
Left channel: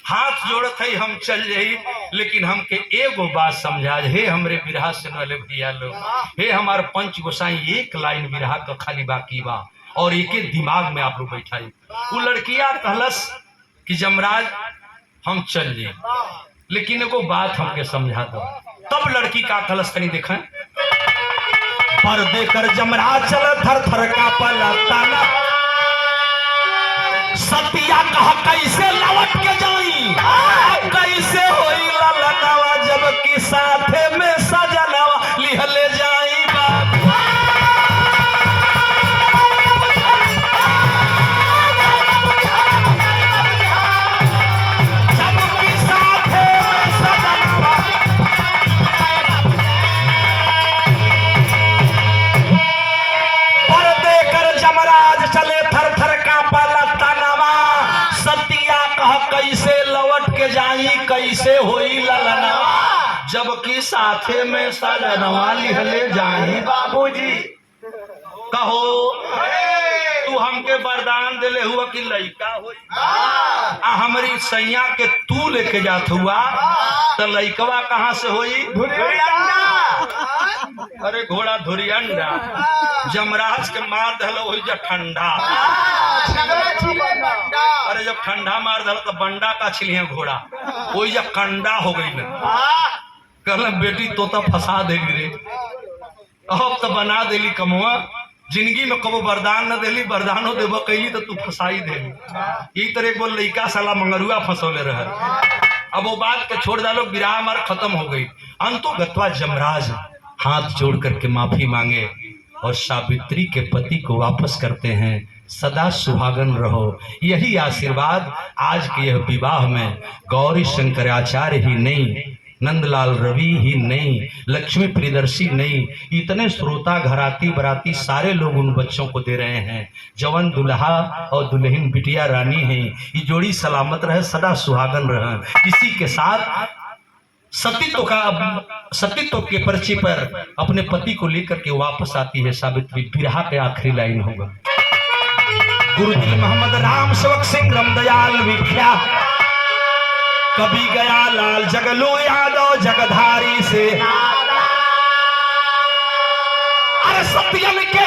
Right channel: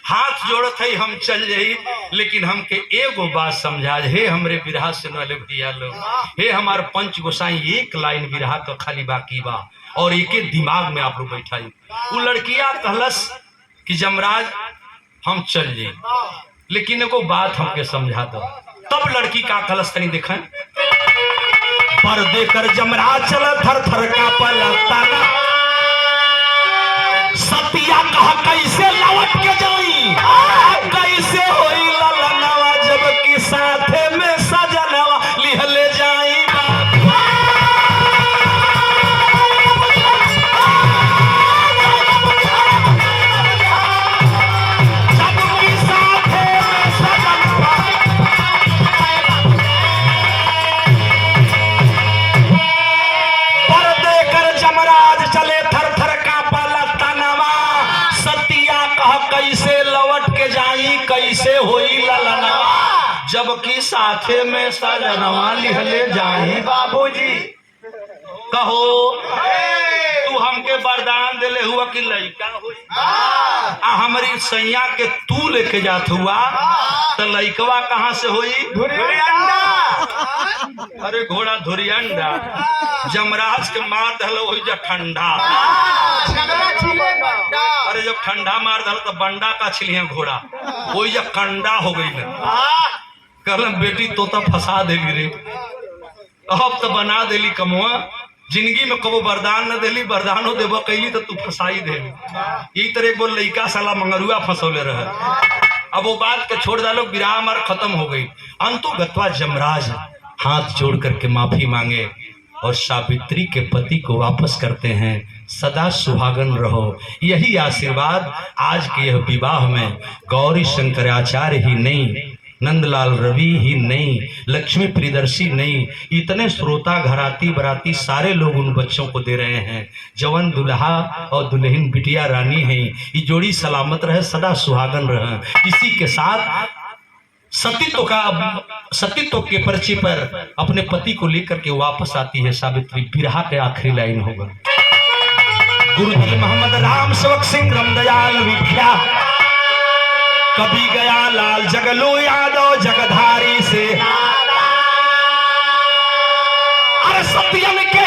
हाथ जोड़त है हम चल जाई, लेकिन हमके एगो बात समझा। हे हमरे बिरहा से वाले भैया लोग, हे हमार पंच गोसाई, एक लाइन बिरहा का खाली बाकी बा और एक दिमाग में आप लोग बैठाई। वो लड़कियां कहलस कि जमराज हम चल जाई, लेकिन एगो बात हमके समझा दो। तब लड़की का कलश तनी देखें, पर देकर जमराज चला थर थर का पलटना, सतिया कहा कैसे लौट के जाई, कैसे होई ललनवा, जब कि साथे में सजनवा लिहले जाई बाबा। जब कि साथे में सजनवा, पर देकर जमराज चले थर थर का पलटनवा, सतिया कहा कैसे लौट के जाई, कैसे होई ललनवा, जबकि साथे में सजनवा लिहले जाई। बाबूजी कहो तू हमके वरदान दिले हुआ कि लड़का होई, हमारी सैया के तू लेके जात हुआ तो लड़कवा कहाँ से होई? अरे घोड़ा धुरियंडा, जमराज के मार दहलो हो जा ठंडा। अरे जब ठंडा मार दहलो तो बंडा का छिलिए घोड़ा, वही जब कंडा हो गई ना। कहलम बेटी तोता फंसा देली रे, अब तो बना देली कमुआ, जिंदगी में कबो वरदान न देली, वरदानो देबो कैली तो तू फंसाई देली। यही तरह बोल लड़का साला मंगरुआ फंसौले रहे। अब वो बात के छोड़ डालो, विराम और खत्म हो गई। अंतो गत्वा जमराज हाथ जोड़ करके माफी मांगे और सावित्री के पति को वापस करते हैं। सदा सुहागन रहो, यही आशीर्वाद आज के यह विवाह में गौरी शंकराचार्य ही नहीं, नंदलाल रवि ही नहीं, लक्ष्मी प्रियदर्शी नहीं, इतने श्रोता घराती बराती सारे लोग उन बच्चों को दे रहे हैं। जवन दुल्हा और दुल्हन बिटिया रानी है, ये जोड़ी सलामत रहे, सदा सुहागन रहे। इसी के साथ सतीत्व के पर्चे पर अपने पति को लेकर के वापस आती है सावित्री। बिरहा के आखिरी लाइन होगा, गुरुदिल मोहम्मद राम सेवक सिंह रामदयाल विख्या, कभी गया लाल जगलो यादव जगधारी से, अरे सत्यन के